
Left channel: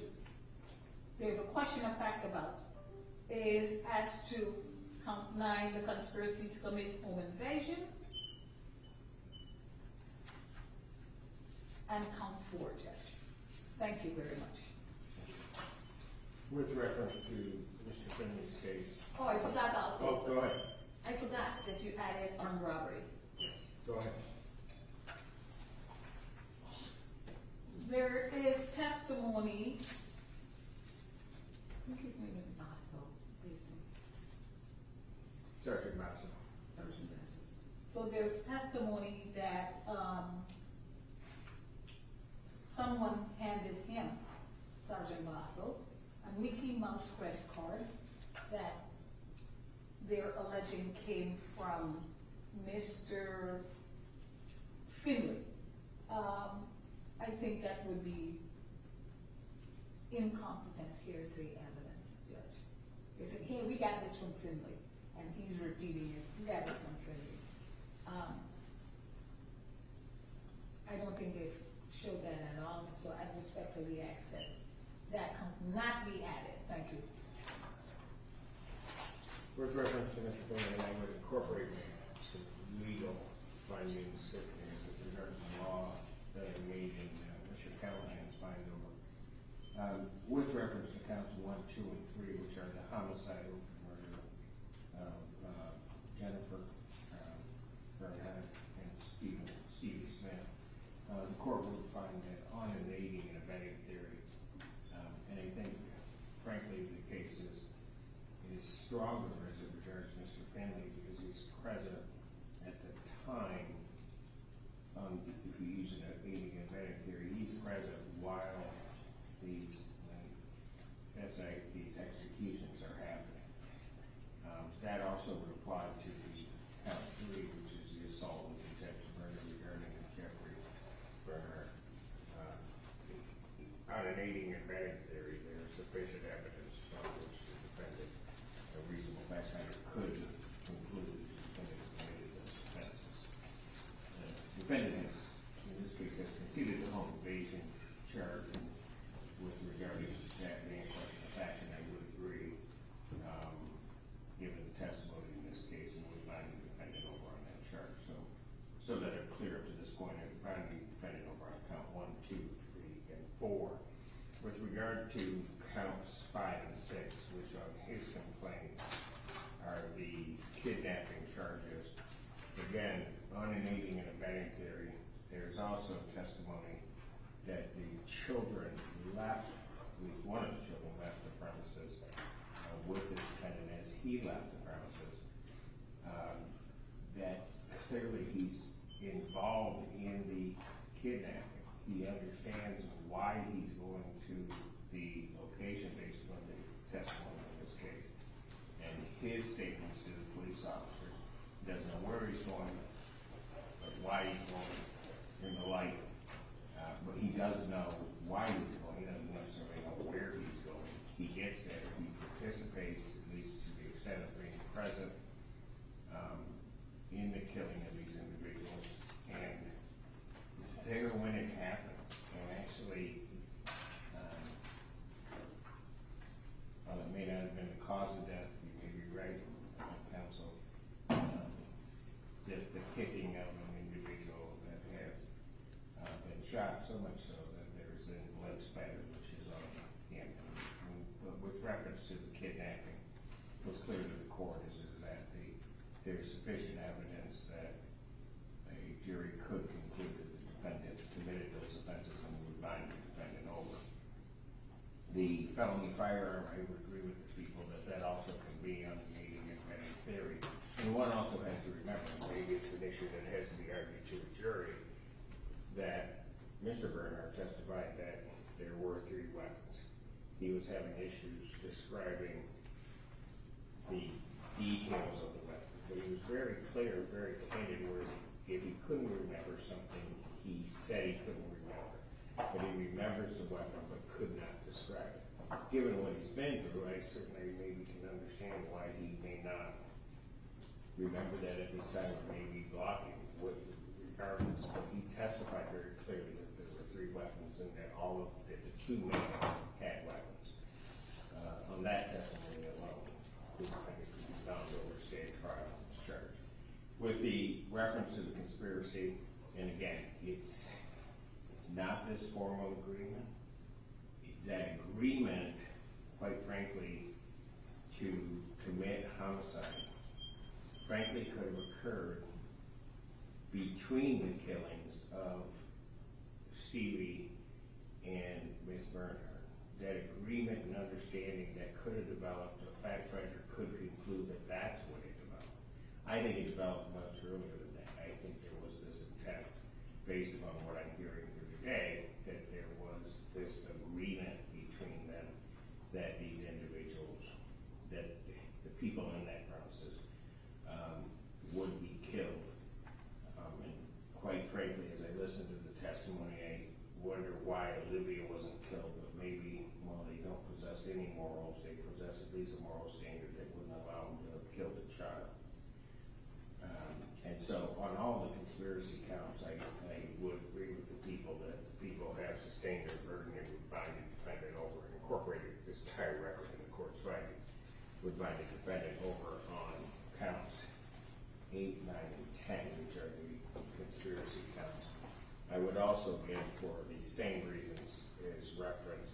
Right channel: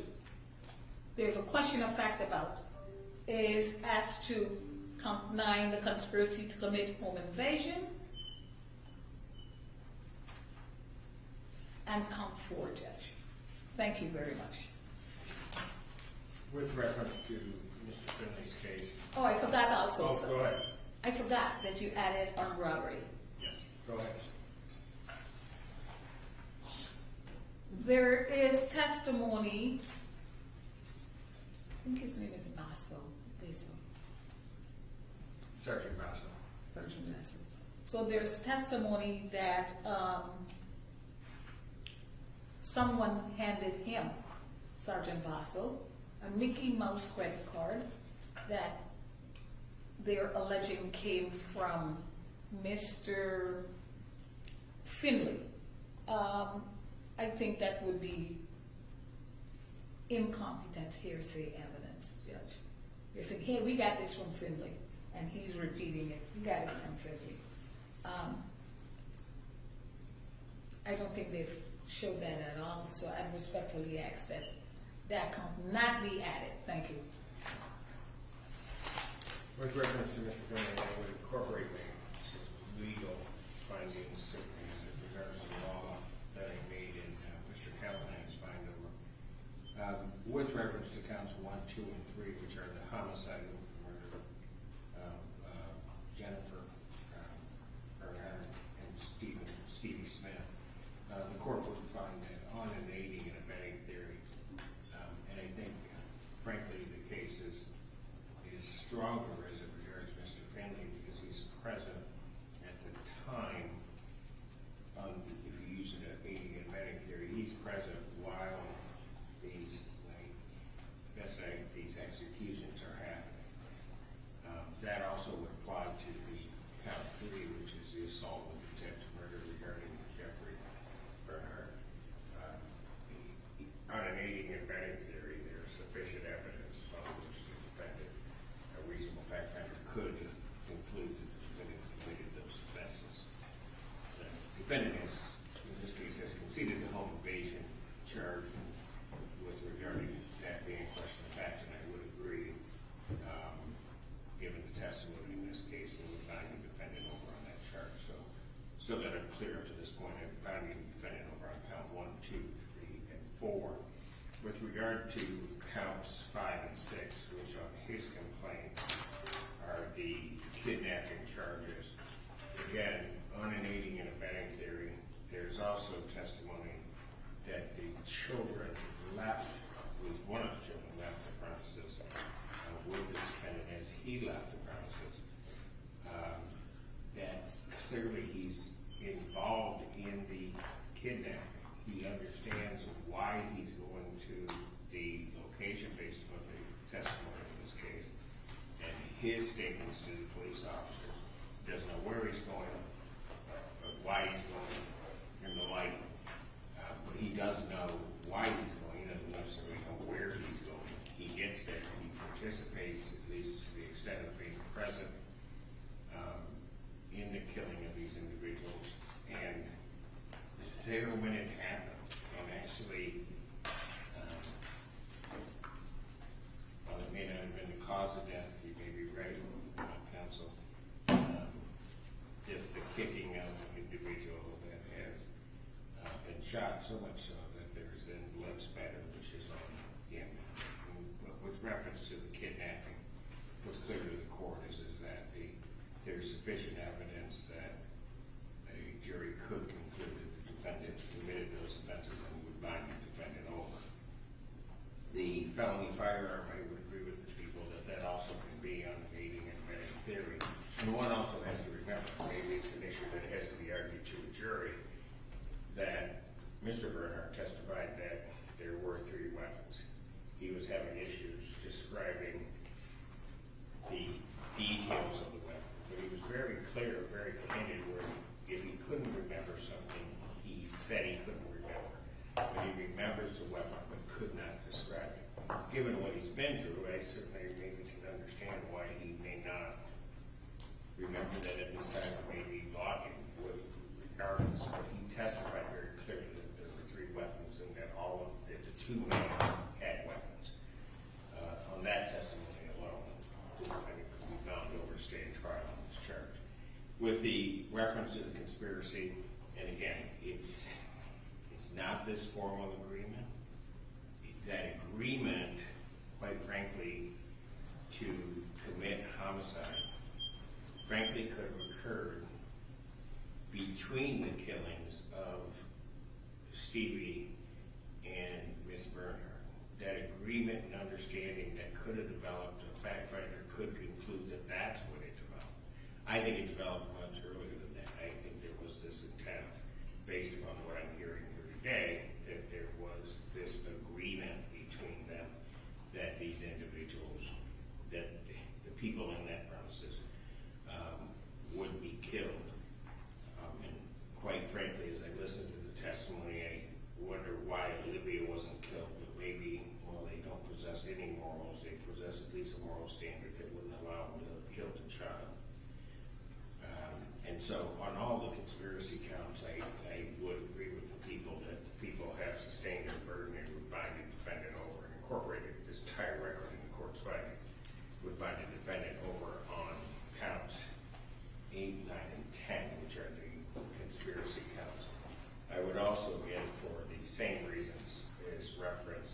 there's a question of fact about, is as to count 9, the conspiracy to commit home invasion, and count 4, Judge. Thank you very much. With reference to Mr. Finley's case. Oh, I forgot also. Oh, go ahead. I forgot that you added armed robbery. Yes, go ahead. There is testimony, I think his name is Basso, Sergeant Mason. Sergeant Basso. So there's testimony that someone handed him, Sergeant Basso, a Mickey Mouse credit card that they're alleging came from Mr. Finley. I think that would be incompetent hearsay evidence, Judge. You're saying, hey, we got this from Finley, and he's repeating it, we got it from Finley. I don't think they've showed that at all, so I respectfully ask that that count not be added. Thank you. With reference to Mr. Brennan, I would incorporate some legal findings with regards to the law that I made in Mr. Callahan's bind over. With reference to counts 1, 2, and 3, which are the homicide murder of Jennifer Bernhardt and Stevie Smith, the court would find that on an aiding and abetting theory, and I think, frankly, the case is stronger as it regards Mr. Finley because he's present at the time, if you use an aiding and abetting theory, he's present while these executions are happening. That also would apply to the count 3, which is the assault with intent to murder regarding Jeffrey Bernhardt. On an aiding and abetting theory, there is sufficient evidence upon which the defendant, a reasonable fact finder, could conclude that the defendant committed those offenses. The defendant has, in this case, has conceded the home invasion charge with regard to that being a question of fact, and I would agree, given the testimony in this case, and would bind the defendant over on that charge. So that I'm clear up to this point, I'm binding the defendant over on count 1, 2, 3, and 4. With regard to counts 5 and 6, which on his complaint are the kidnapping charges, again, on an aiding and abetting theory, there's also testimony that the children left, at least one of the children left the premises with this defendant as he left the premises, that clearly he's involved in the kidnapping. He understands why he's going to the location based on the testimony in this case. And his statements to the police officers, doesn't know where he's going, why he's going, and the like. But he does know why he's going. He doesn't necessarily know where he's going. He gets there. He participates, at least to the extent of being present, in the killing of these individuals. And it's there when it happens. And actually, while it may not have been the cause of death, you may be right, counsel, just the kicking of an individual that has been shot, so much so that there's a blood spatter which is on him. And with reference to the kidnapping, what's clear to the court is that there's sufficient evidence that a jury could conclude that the defendant committed those offenses and would bind the defendant over. The felony firearm, I would agree with the people that also can be on an aiding and abetting theory. And one also has to remember, maybe it's an issue that has to be argued to a jury, that Mr. Bernhardt testified that there were 3 weapons. He was having issues describing the details of the weapon, but he was very clear, very candid, where if he couldn't remember something, he said he couldn't remember. But he remembers the weapon but could not describe it. Given what he's been through, I certainly maybe can understand why he may not remember that at this time it may be blocking, regardless. But he testified very clearly that there were 3 weapons and that that the 2 men had weapons. On that testimony alone, the defendant could be bound over to stand trial on this charge. With the reference to the conspiracy, and again, it's not this formal agreement. That agreement, quite frankly, to commit homicide, frankly could have occurred between the killings of Stevie and Miss Bernhardt. That agreement and understanding that could have developed, a fact finder could conclude that that's what it developed. I think it developed much earlier than that. I think there was this intent, based upon what I'm hearing here today, that there was this agreement between them that these individuals, that the people in that premises would be killed. And quite frankly, as I listened to the testimony, I wonder why Olivia wasn't killed, but maybe, well, And so on all the conspiracy counts, I would agree with the people that the people have sustained their burden and would bind the defendant over and incorporated this entire record in the court's finding, would bind the defendant over on counts 8, 9, and 10, which are the conspiracy counts. I would also, again, for the same reasons as referenced,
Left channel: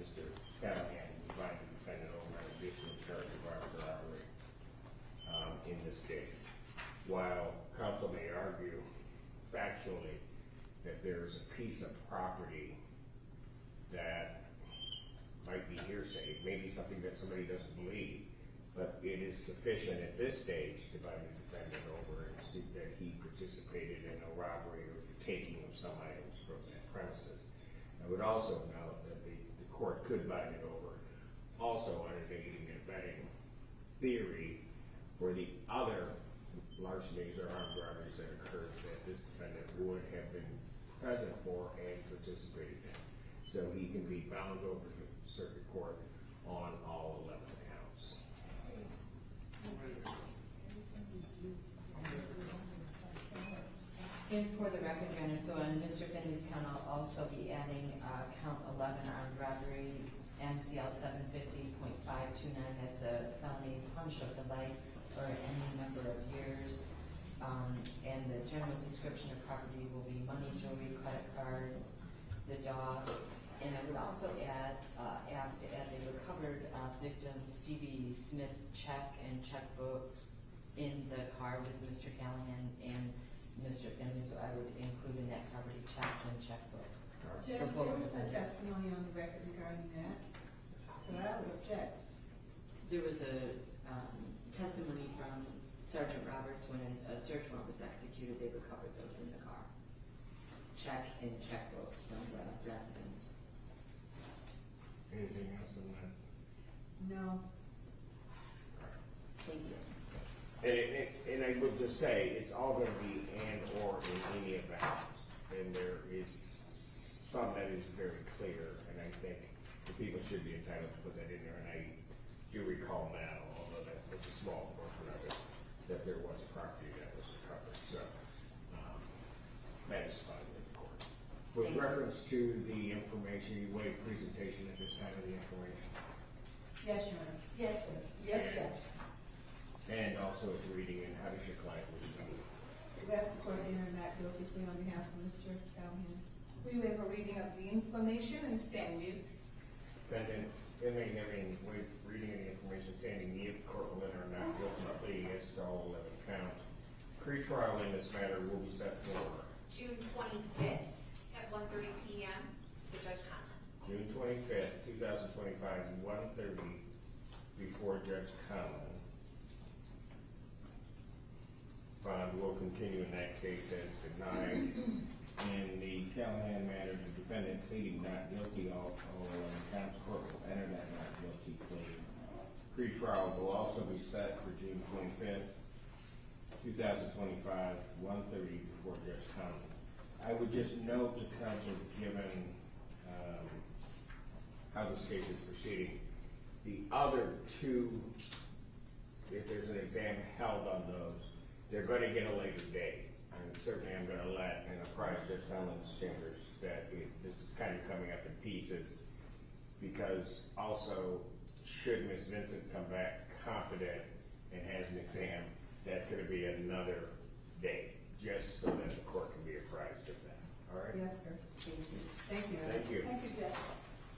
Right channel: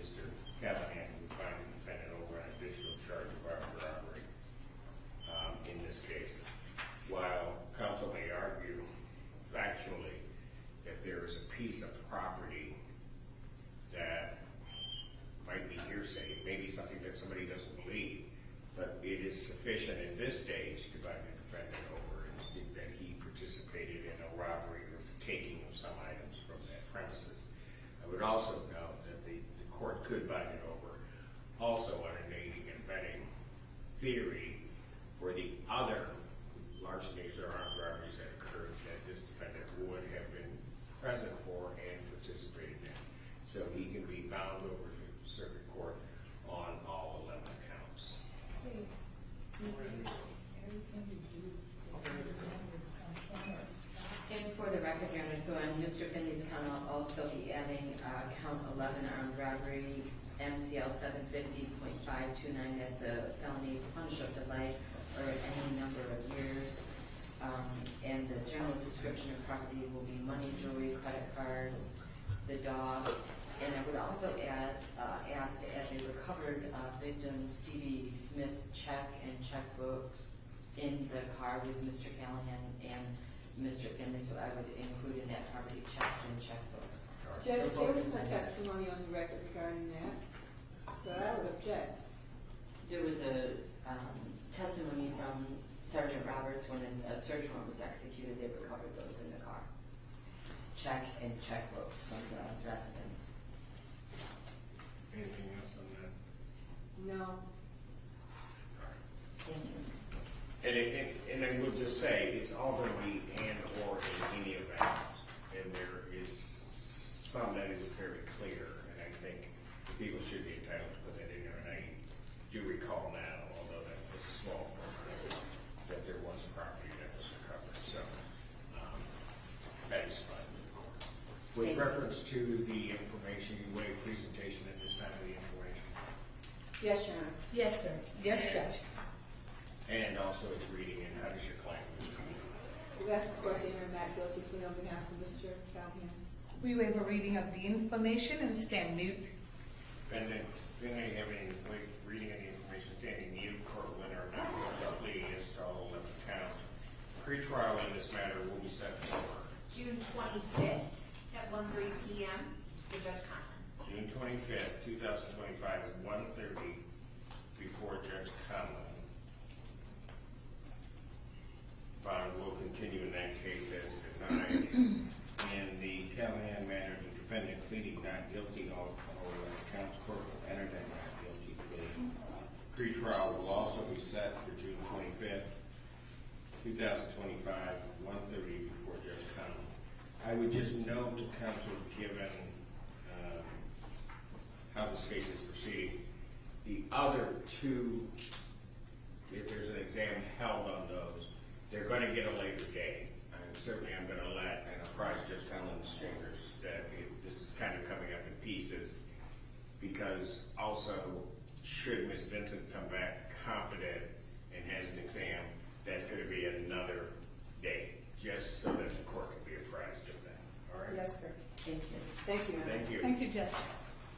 Mr. Callahan would bind the defendant over an additional charge of armed robbery in this case. While counsel may argue factually that there is a piece of property that might be hearsay, maybe something that somebody doesn't believe, but it is sufficient at this stage to bind the defendant over and see that he participated in a robbery or the taking of some items from that premises. I would also note that the court could bind it over also on an aiding and abetting theory for the other larcenies or armed robberies that occurred that this defendant would have been present for and participated in. So he can be bound over to circuit court on all 11 counts. And for the record, Your Honor, so on Mr. Finley's count, I'll also be adding count 11, armed robbery, MCL 750.529, that's a felony punishable to life or any number of years. And the general description of property will be money, jewelry, credit cards, the dog. And I would also ask to add the recovered victim Stevie Smith's check and checkbooks in the car with Mr. Callahan and Mr. Finley, so I would include in that property checks and checkbook. Judge, there was no testimony on the record regarding that, so I would object. There was a testimony from Sergeant Roberts when a search warrant was executed, they recovered those in the car. Check and checkbooks from the residents. Anything else on that? No. Thank you. And I would just say, it's all going to be and or in any event. And there is some that is very clear, and I think the people should be entitled to put that in there. And I do recall now, although that was a small portion of it, that there was property that was recovered. So that is fine with the court. With Thank you. reference to the information, you waive presentation at this time of the information. Yes, Your Honor. Yes, sir. Yes, Judge. And also its reading, and how does your client wish to do? We ask the court to enter not guilty plea on behalf of Mr. Callahan. We waive a reading of the information and stand mute. Reading of the information, standing mute, court will enter not guilty plea as to all 11 counts. Pre-trial in this matter will be set for June 25th at 1:30 p.m. for Judge Conlon. June 25th, 2025, 1:30 before Judge Conlon. Bond will continue in that case as denied. In the Callahan matter, the defendant pleading not guilty, all 11 counts, court will enter that not guilty plea. Pre-trial will also be set for June 25th, 2025, 1:30 before Judge Conlon. I would just note to counsel, given how this case is proceeding, the other two, if there's an exam held on those, they're going to get a later date. Certainly I'm going to let and apprise Judge Conlon's chambers that this is kind of coming up in pieces, because also should Ms. Vincent come back competent